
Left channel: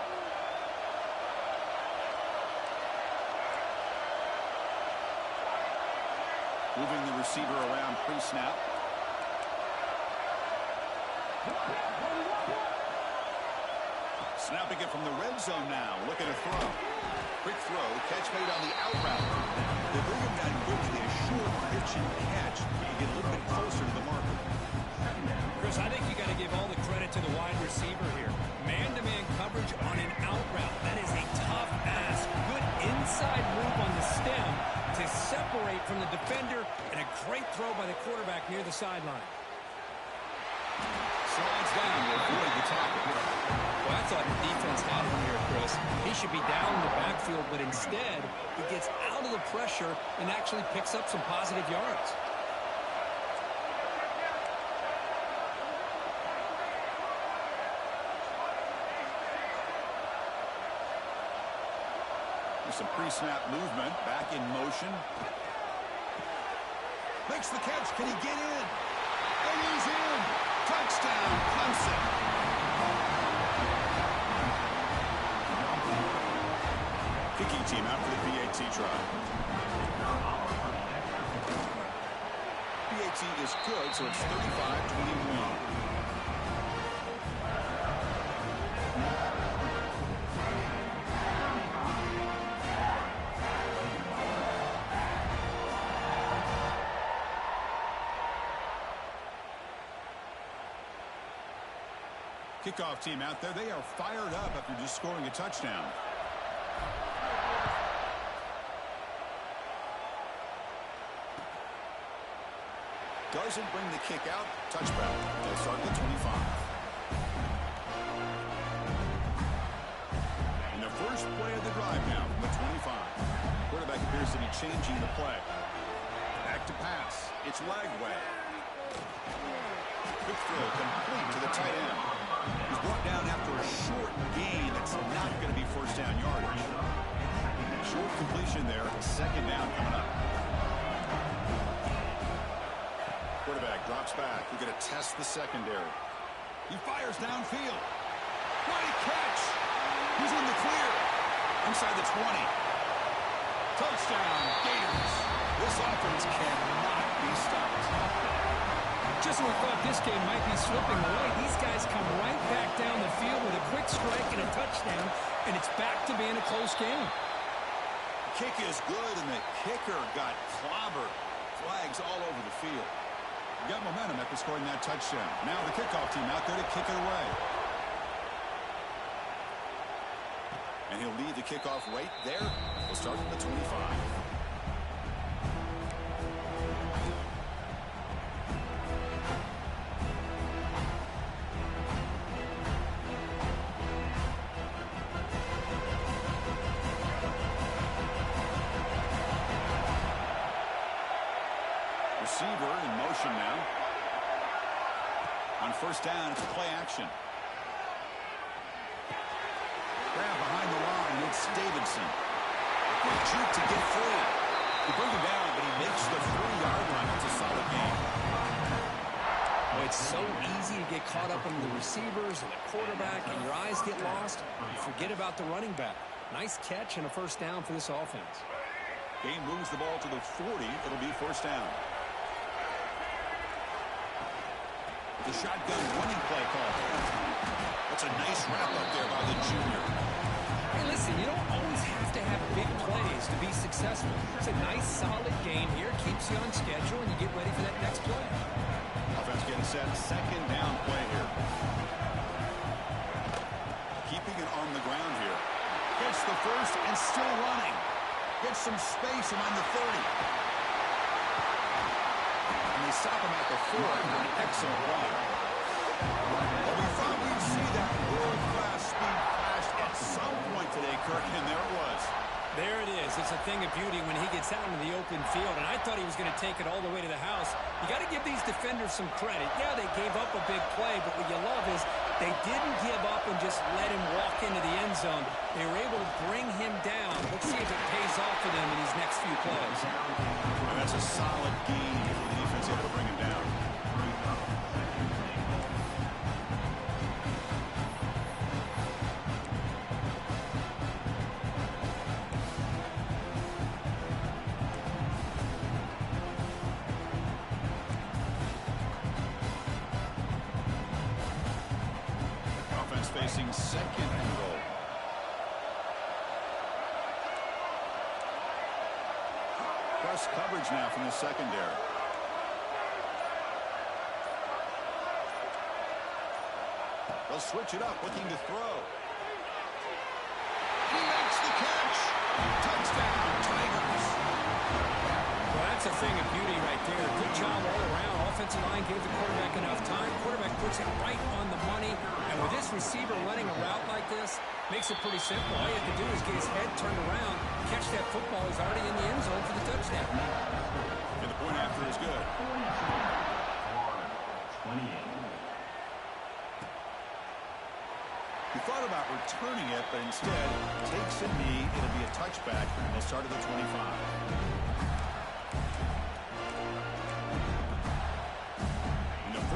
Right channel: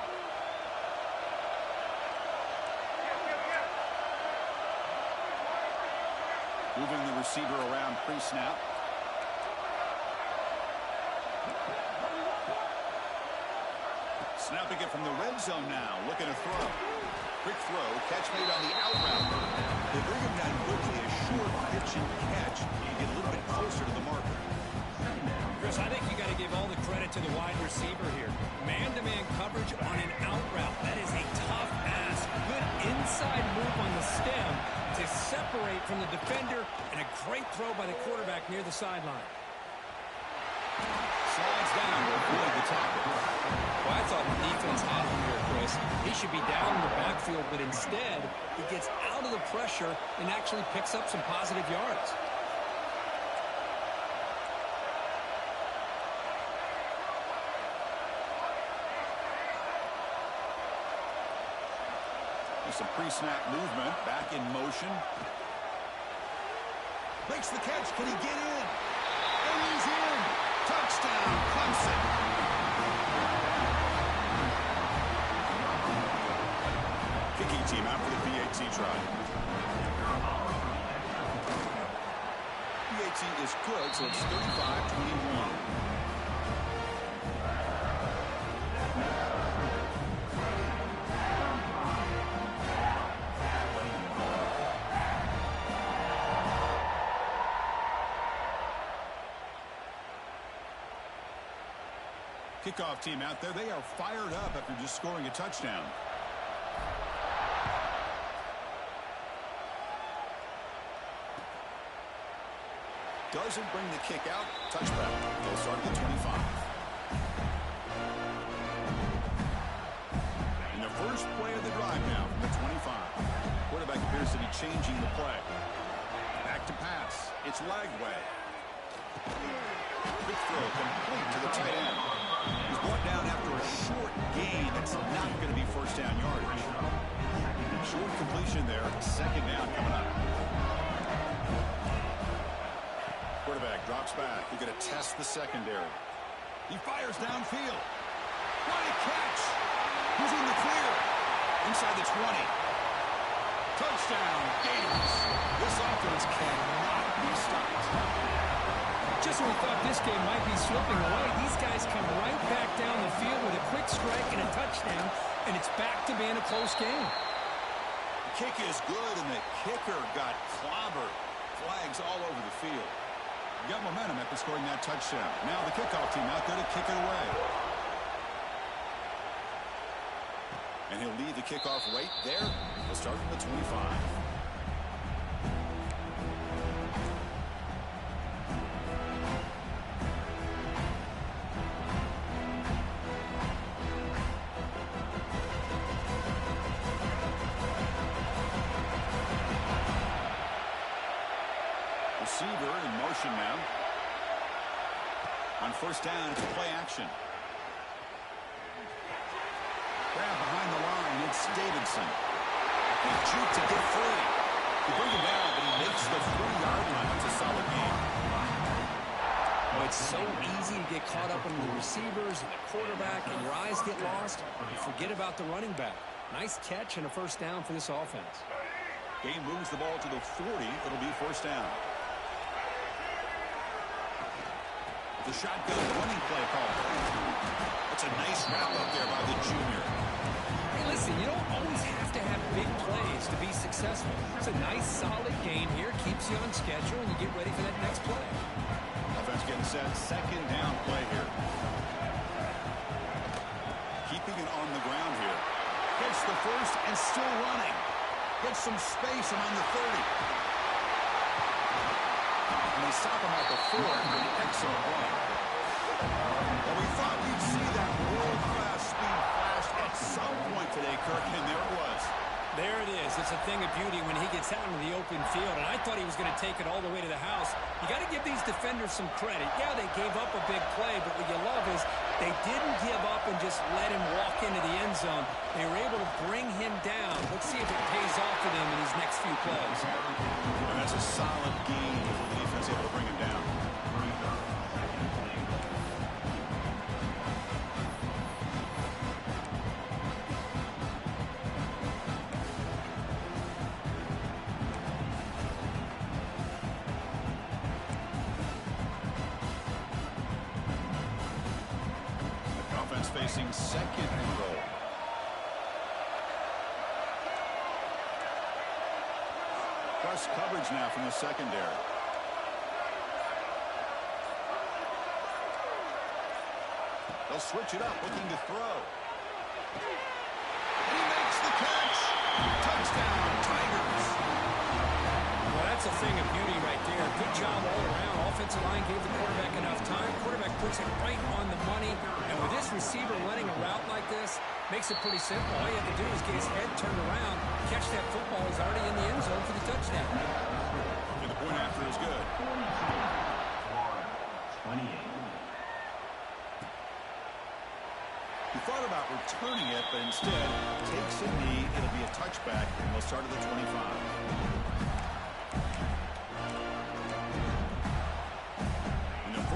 Moving the receiver around pre-snap. Snapping it from the red zone now. Looking to throw. Quick throw. Catch made on the out route. They bring him down quickly. A short pitch and catch to get a little bit closer to the marker. Chris, I think you got to give all the credit to the wide receiver here. Man-to-man coverage on an out route. That is a tough ask. Good inside move on the stem to separate from the defender, and a great throw by the quarterback near the sideline. Slides down to avoid the tackle. Well, I thought the defense had him here, Chris. He should be down in the backfield, but instead, he gets out of the pressure and actually picks up some positive yards. There's some pre-snap movement. Back in motion. Makes the catch. Can he get in? And he's in. Touchdown, Clemson. Kicking team out for the PAT try. PAT is good, so it's 35-21. Kickoff team out there. They are fired up after just scoring a touchdown. Doesn't bring the kick out. Touchback. They'll start at the 25. In the first play of the drive now from the 25. Quarterback appears to be changing the play. Back to pass. It's Lagway. Quick throw complete to the tight end. He's brought down after a short gain. That's not going to be first down yardage. Short completion there. Second down coming up. Quarterback drops back. We're going to test the secondary. He fires downfield. What a catch. He's in the clear. Inside the 20. Touchdown, Gators. This offense cannot be stopped. Just when we thought this game might be slipping away, these guys come right back down the field with a quick strike and a touchdown, and it's back to being a close game. The kick is good, and the kicker got clobbered. Flags all over the field. Got momentum after scoring that touchdown. Now the kickoff team out there to kick it away. And he'll lead the kickoff right there. He'll start from the 25. Receiver in motion now. On first down, it's a play action. Grab behind the line, it's Davidson. Quick juke to get free. You bring him down, but he makes the 40-yard line. That's a solid game. Oh, it's so easy to get caught up in the receivers and the quarterback, and your eyes get lost. You forget about the running back. Nice catch and a first down for this offense. Game moves the ball to the 40. It'll be first down. The shotgun running play call. That's a nice wrap up there by the junior. Hey, listen, you don't always have to have big plays to be successful. It's a nice, solid game here. Keeps you on schedule, and you get ready for that next play. Offense getting set. Second down play here. Keeping it on the ground here. Gets the first and still running. Gets some space around the 30. And they stop him at the 4 for an excellent run. Well, we thought we'd see that world-class speed flash at some point today, Kirk, and there it was. There it is. It's a thing of beauty when he gets out into the open field, and I thought he was going to take it all the way to the house. You got to give these defenders some credit. Yeah, they gave up a big play, but what you love is they didn't give up and just let him walk into the end zone. They were able to bring him down. Let's see if it pays off for them in these next few plays. And that's a solid gain for the defense able to bring him down. Facing second and goal. Press coverage now from the secondary. They'll switch it up, looking to throw. He makes the catch. Touchdown, Tigers. Well, that's a thing of beauty right there. Good job all around. Offensive line gave the quarterback enough time. Quarterback puts it right on the money. And with this receiver running a route like this, makes it pretty simple. All you have to do is get his head turned around, catch that football. He's already in the end zone for the touchdown. And the point after is good. 28. He thought about returning it, but instead takes a knee. It'll be a touchback, and they'll start at the 25.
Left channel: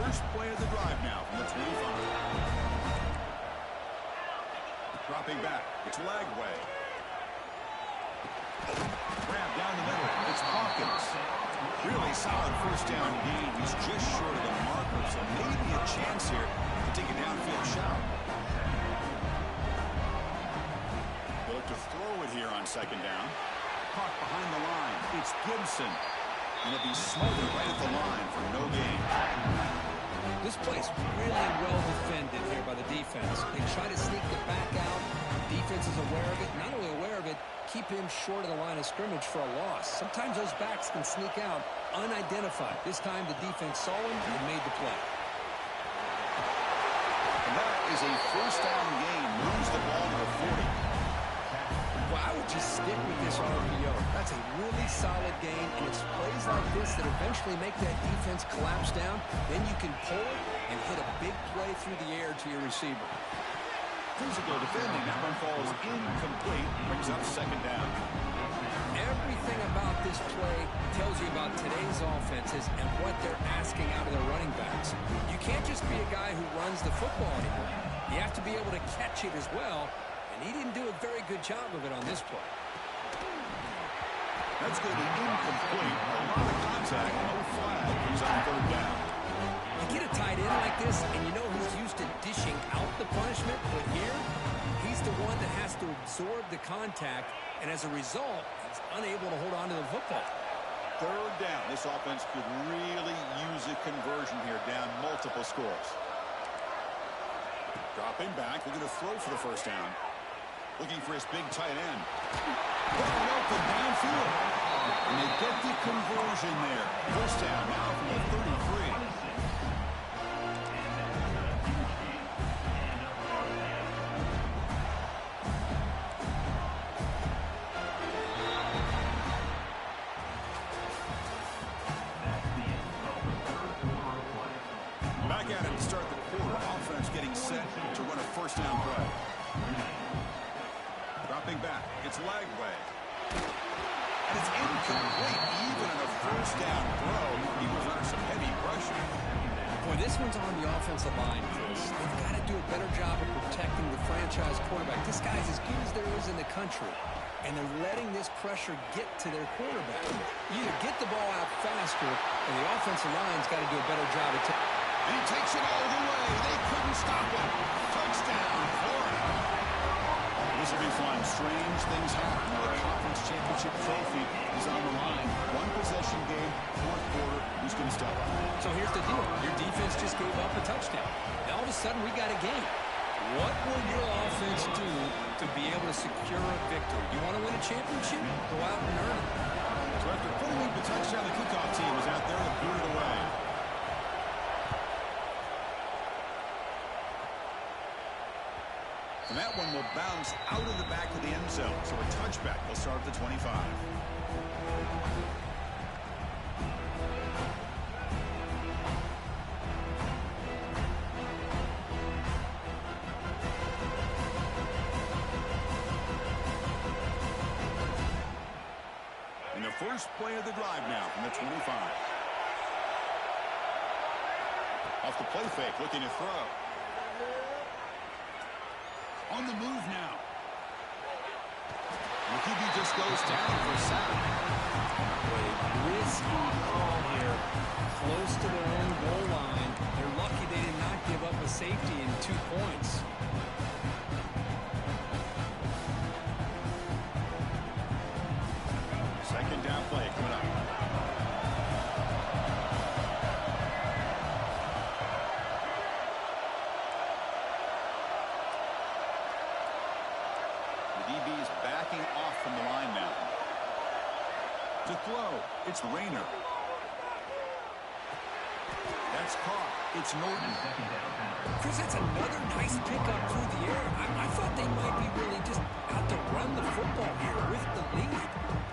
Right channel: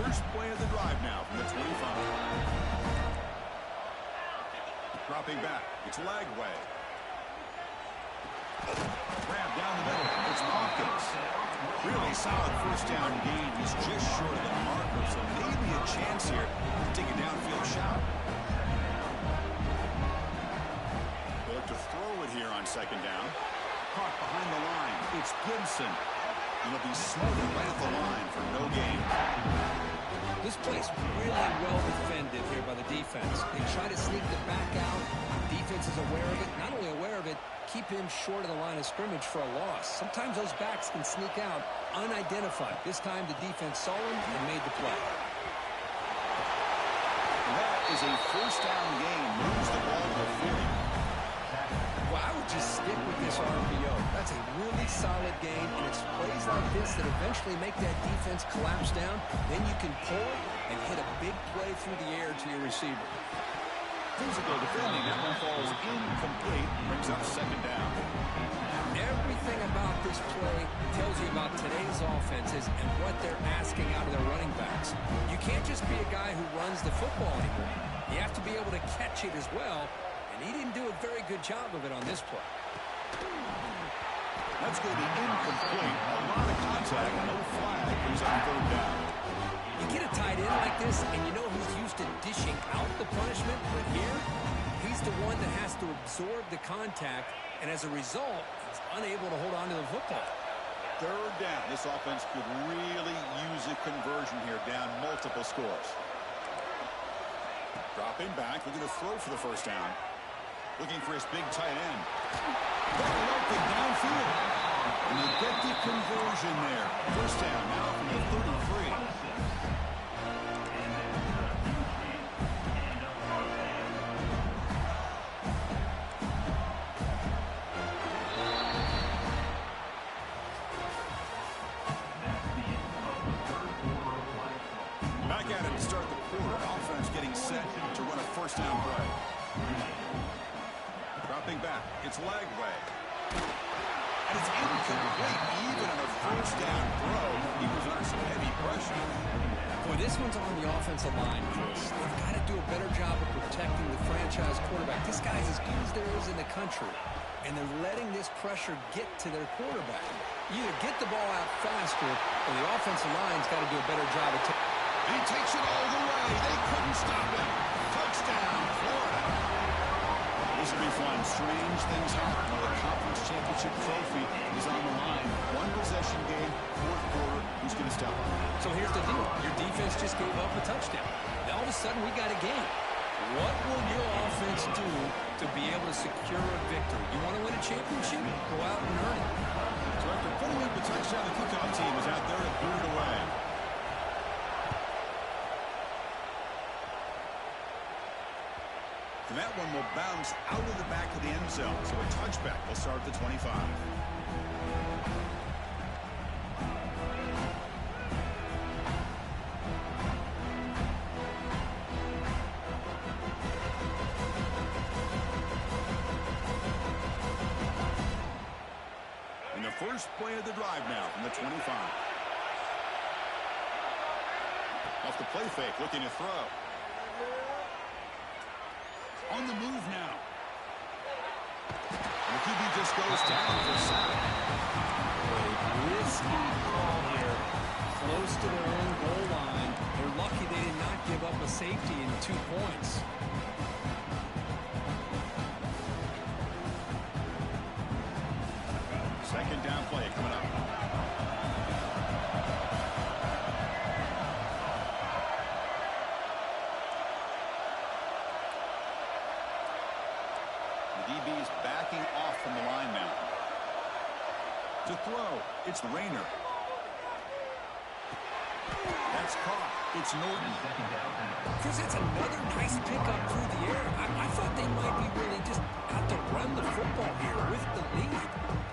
First play of the drive now from the 25. Dropping back. It's Lagway. Grab down the middle. It's Hawkins. Really solid first down gain. He's just short of the marker, so maybe a chance here to take a downfield shot. They look to throw it here on second down. Caught behind the line. It's Gibson. And he'll be smothered right at the line for no gain. This play's really well defended here by the defense. They try to sneak the back out. The defense is aware of it. Not only aware of it, keep him short of the line of scrimmage for a loss. Sometimes those backs can sneak out unidentified. This time the defense saw him and made the play. And that is a first down gain. Moves the ball to the 40. Well, I would just stick with this RPO. That's a really solid gain, and it's plays like this that eventually make that defense collapse down. Then you can pull it and hit a big play through the air to your receiver. Physical defending. That one falls incomplete. Brings up second down. Everything about this play tells you about today's offenses and what they're asking out of their running backs. You can't just be a guy who runs the football anymore. You have to be able to catch it as well. And he didn't do a very good job of it on this play. That's going to be incomplete. A lot of contact, no flag, brings up third down. You get a tight end like this, and you know he's used to dishing out the punishment, but here, he's the one that has to absorb the contact, and as a result, he's unable to hold on to the football. Third down. This offense could really use a conversion here, down multiple scores. Dropping back, looking to throw for the first down. Looking for his big tight end. Wide open downfield. And they get the conversion there. First down now from the 33. Back at it to start the quarter. Offense getting set to run a first down play. Dropping back, it's Lagway. And it's incomplete. Even on a first down throw, he was under some heavy pressure. Boy, this one's on the offensive line, Chris. They've got to do a better job of protecting the franchise quarterback. This guy's as good as there is in the country, and they're letting this pressure get to their quarterback. You either get the ball out faster, or the offensive line's got to do a better job of and he takes it all the way. They couldn't stop him. Touchdown, Florida. This will be fun. Strange things happen. The conference championship trophy is on the line. One possession game, fourth quarter. Who's going to step up? So here's the deal. Your defense just gave up a touchdown. Now all of a sudden we got a game. What will your offense do to be able to secure a victory? You want to win a championship? Go out and earn it. So after putting up the touchdown, the kickoff team was out there to boot it away. And that one will bounce out of the back of the end zone. So a touchback will start at the 25. And the first play of the drive now from the 25. Off the play fake, looking to throw. On the move now. And the QB just goes down for a sack. A risky call here. Close to their own goal line. They're lucky they did not give up a safety in 2 points. Second down play coming up. The DB is backing off from the line now. To throw, it's Rayner. That's caught. It's Norton. Chris, that's another nice pickup through the air. I thought they might be really just out to run the football here with the lead.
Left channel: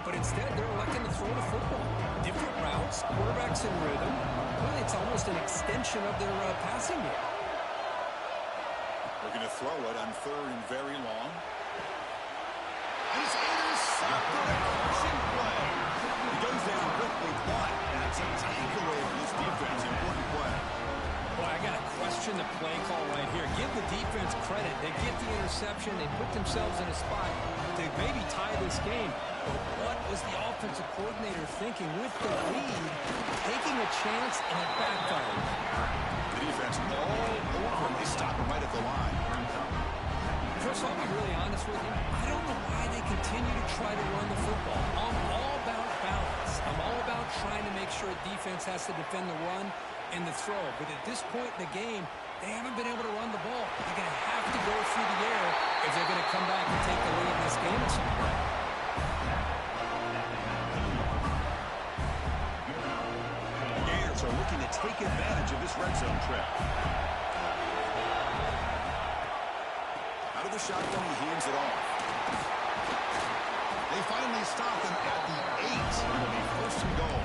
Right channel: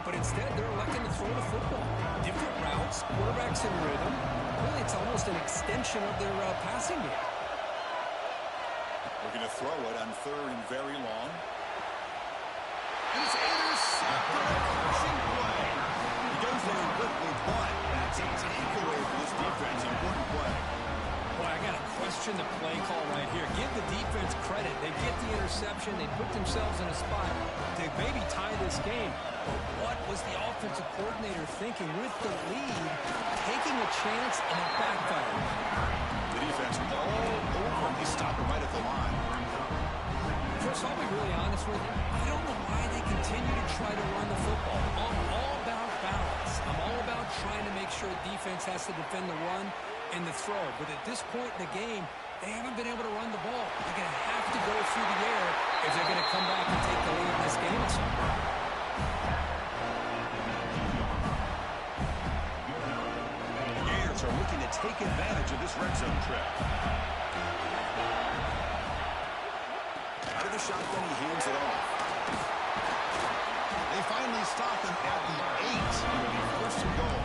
But instead, they're electing to throw the football. Different routes, quarterbacks in rhythm. Really, it's almost an extension of their passing game. Looking to throw it on third and very long. And it's intercepted. A crushing play. He goes down quickly, but that's a takeaway for this defense. Important play. Boy, I got to question the play call right here. Give the defense credit. They get the interception. They put themselves in a spot to maybe tie this game. But what was the offensive coordinator thinking with the lead, taking a chance, and it backfired? The defense all over him. They stop him right at the line. Chris, I'll be really honest with you. I don't know why they continue to try to run the football. I'm all about balance. I'm all about trying to make sure defense has to defend the run and the throw. But at this point in the game, they haven't been able to run the ball. They're going to have to go through the air if they're going to come back and take the lead in this game at some point. Gators are looking to take advantage of this red zone trip. Out of the shotgun, he hands it off. They finally stop him at the 8. It'll be first and goal.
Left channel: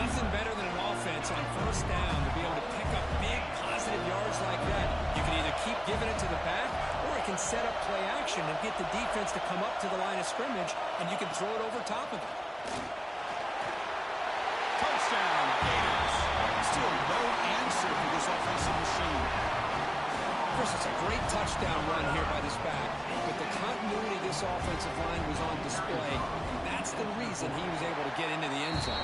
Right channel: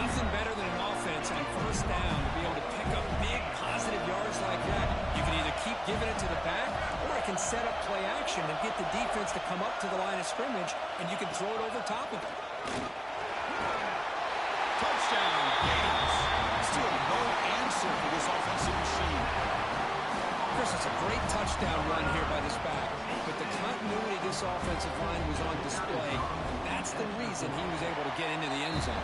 Nothing better than an offense on first down to be able to pick up big positive yards like that. You can either keep giving it to the back, or it can set up play action and get the defense to come up to the line of scrimmage, and you can throw it over top of them. Touchdown, Gators. Still no answer for this offensive machine. Chris, it's a great touchdown run here by this back, but the continuity of this offensive line was on display. That's the reason he was able to get into the end zone.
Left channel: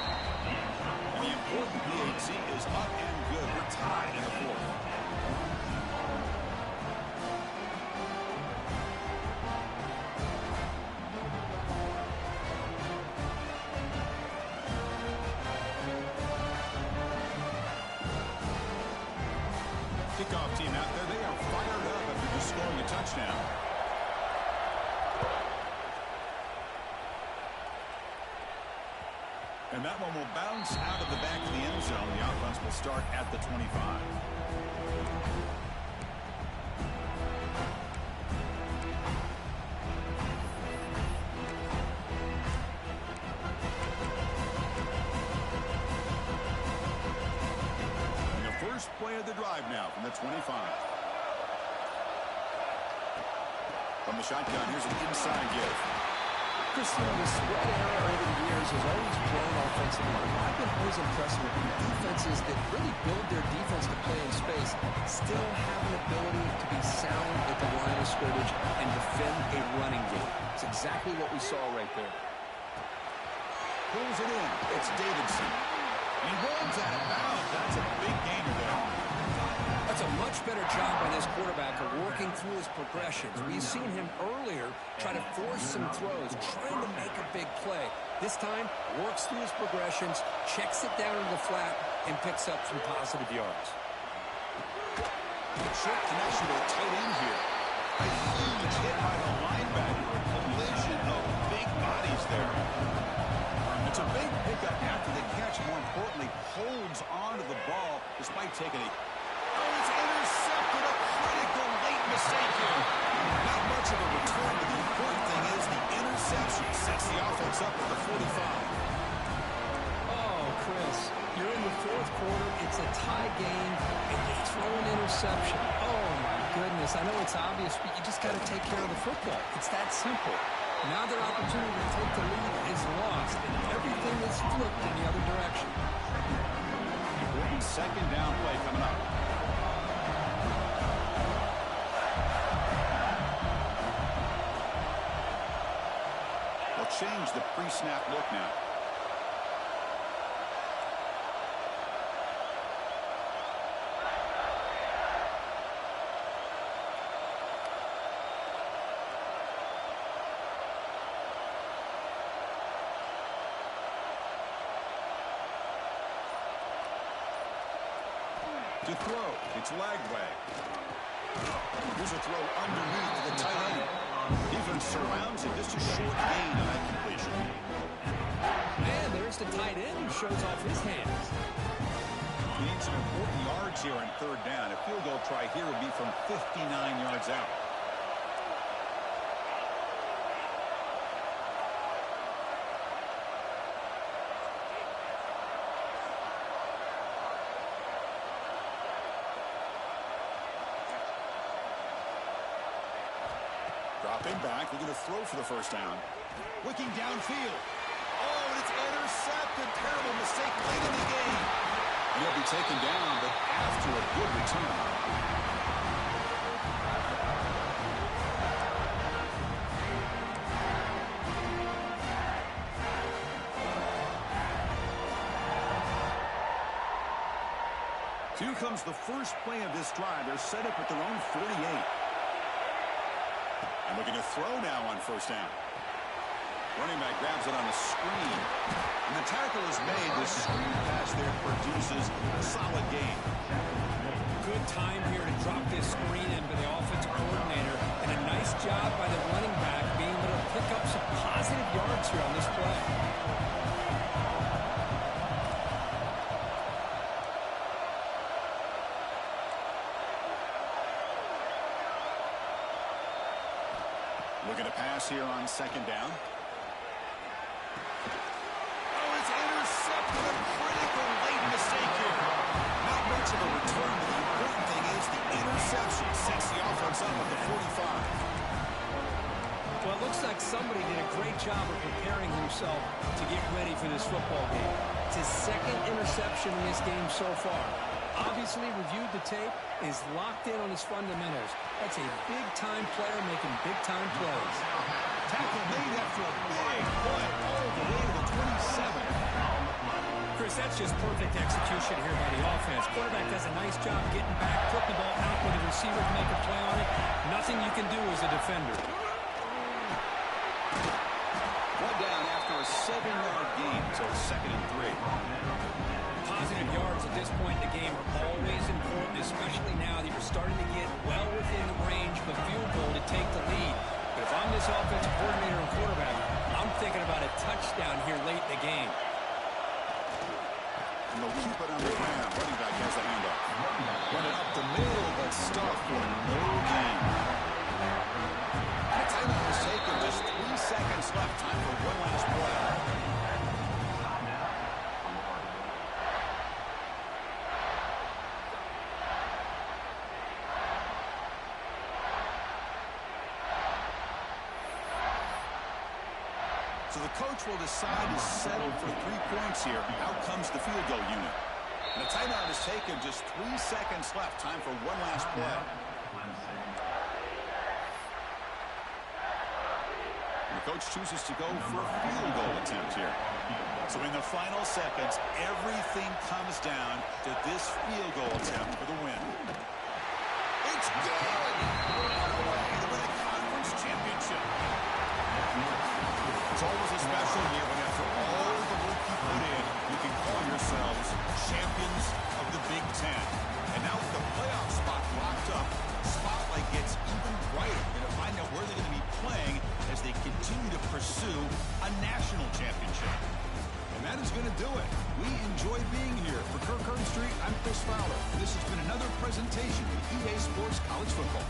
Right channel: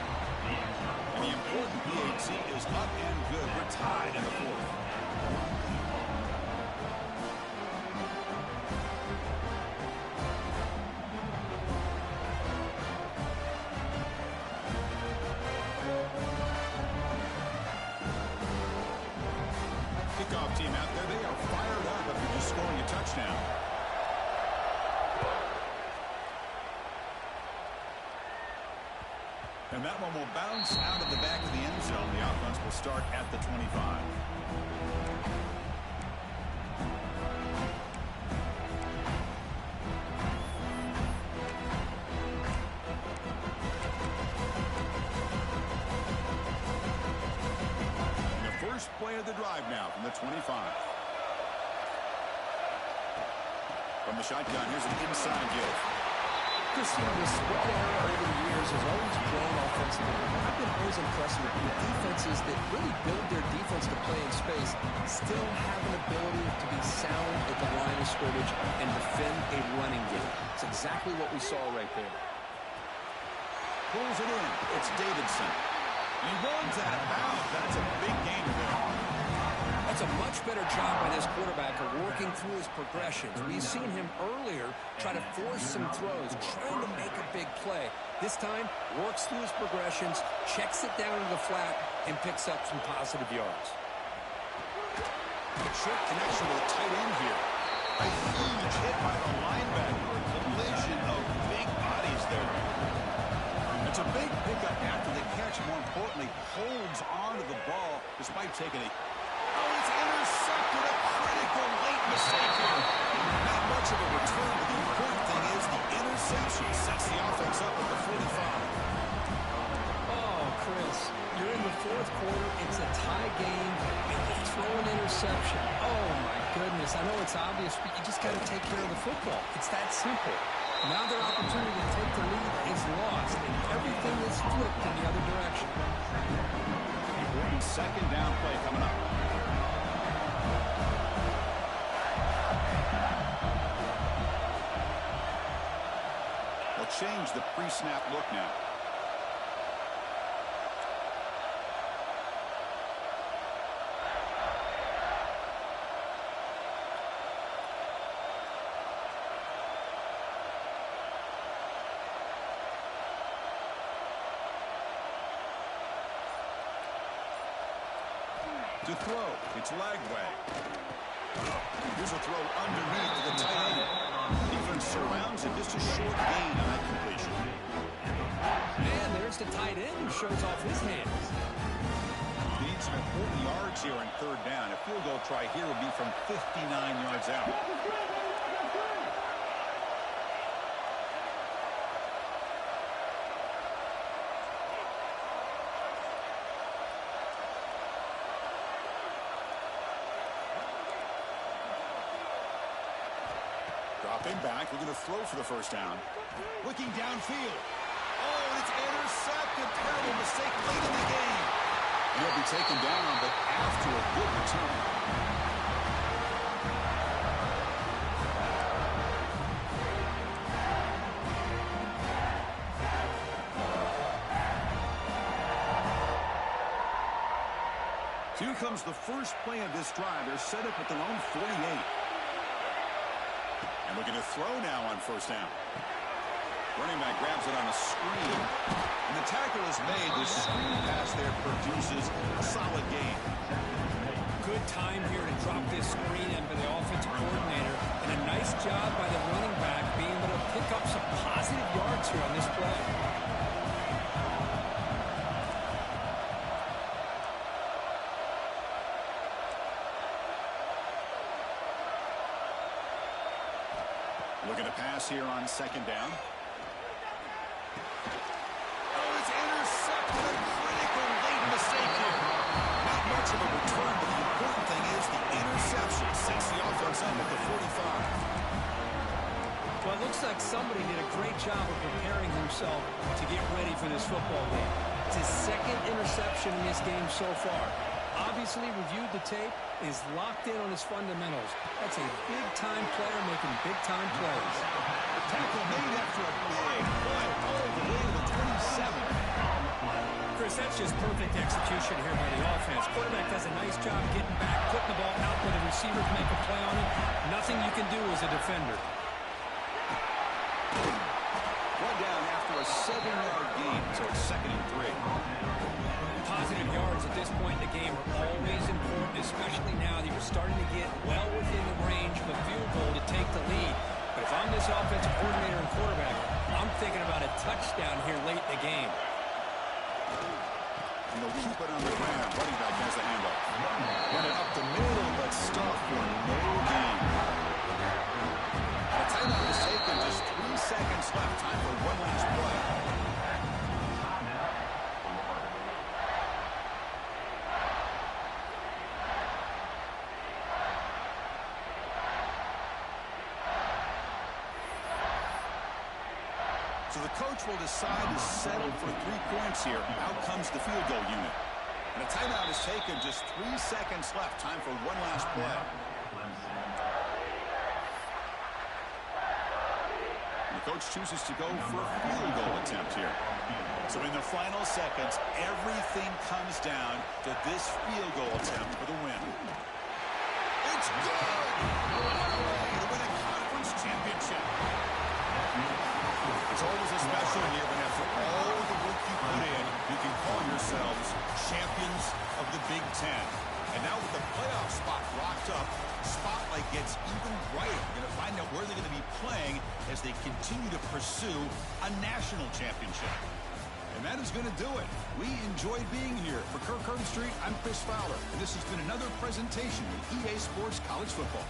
And the important PAT is up and good. We're tied in the fourth. Kickoff team out there. They are fired up after just scoring a touchdown. And that one will bounce out of the back of the end zone. The offense will start at the 25. And the first play of the drive now from the 25. From the shotgun, here's an inside give. Christian, the spread era over the years has always grown offensively. But I've been always impressed with the defenses that really build their defense to play in space, still have an ability to be sound at the line of scrimmage and defend a running game. It's exactly what we saw right there. Pulls it in. It's Davidson. And he runs out of bounds. That's a big gainer there. That's a much better job by this quarterback of working through his progressions. We've seen him earlier try to force some throws, trying to make a big play. This time, works through his progressions, checks it down into the flat, and picks up some positive yards. Short connection to the tight end here. A huge hit by the linebacker. A collision of big bodies there. It's a big pickup after the catch. More importantly, holds on to the ball despite taking a... Oh, it's intercepted. A critical late mistake here. Not much of a return, but the important thing is the interception sets the offense up at the 45. Oh, Chris, you're in the fourth quarter. It's a tie game, and you throw an interception. Oh, my goodness. I know it's obvious, but you just got to take care of the football. It's that simple. Now their opportunity to take the lead is lost, and everything is flipped in the other direction. Important second down play coming up. They'll change the pre-snap look now. To throw, it's Lagway. Here's a throw underneath to the tight end. Defense surrounds it, just a short gain on that completion. And there's the tight end who shows off his hands. He needs some important yards here on third down. A field goal try here would be from 59 yards out. Dropping back, we're going to throw for the first down. Looking downfield. Oh, and it's intercepted. Terrible mistake late in the game. And he'll be taken down, but after a good return. Here comes the first play of this drive. They're set up at their own 48. And we're going to throw now on first down. Running back grabs it on a screen. And the tackle is made. The screen pass there produces a solid gain. Good time here to drop this screen in by the offensive coordinator. And a nice job by the running back being able to pick up some positive yards here on this play. Looking to pass here on second down. Oh, it's intercepted. A critical late mistake here. Not much of a return, but the important thing is the interception sets the offense up at the 45. Well, it looks like somebody did a great job of preparing himself to get ready for this football game. It's his second interception in this game so far. Obviously reviewed the tape, is locked in on his fundamentals. That's a big-time player making big-time plays. Tackle made after a big play all the way to the 27. Chris, that's just perfect execution here by the offense. Quarterback does a nice job getting back, putting the ball out where the receiver can make a play on it. Nothing you can do as a defender. One down after a 7-yard gain, so it's 2nd and 3. Positive yards at this point in the game are always important, especially now that you're starting to get well within the range of a field goal to take the lead. But if I'm this offensive coordinator and quarterback, I'm thinking about a touchdown here late in the game. And they'll keep it on the ground. Running back has the handoff. Run it up the middle, but stuffed for no gain. And a timeout is taken. Just 3 seconds left. Time for one last play. So the coach will decide to settle for 3 points here. Out comes the field goal unit. And a timeout is taken. Just 3 seconds left. Time for one last play. And the coach chooses to go for a field goal attempt here. So in the final seconds, everything comes down to this field goal attempt for the win. It's good! What a way to win a conference championship. It's always a special year when after all the work you put in, you can call yourselves champions of the Big Ten. And now with the playoff spot locked up, spotlight gets even brighter. We're going to find out where they're going to be playing as they continue to pursue a national championship. And that is going to do it. We enjoyed being here. For Kirk Herbstreit, I'm Chris Fowler. This has been another presentation of EA Sports College Football.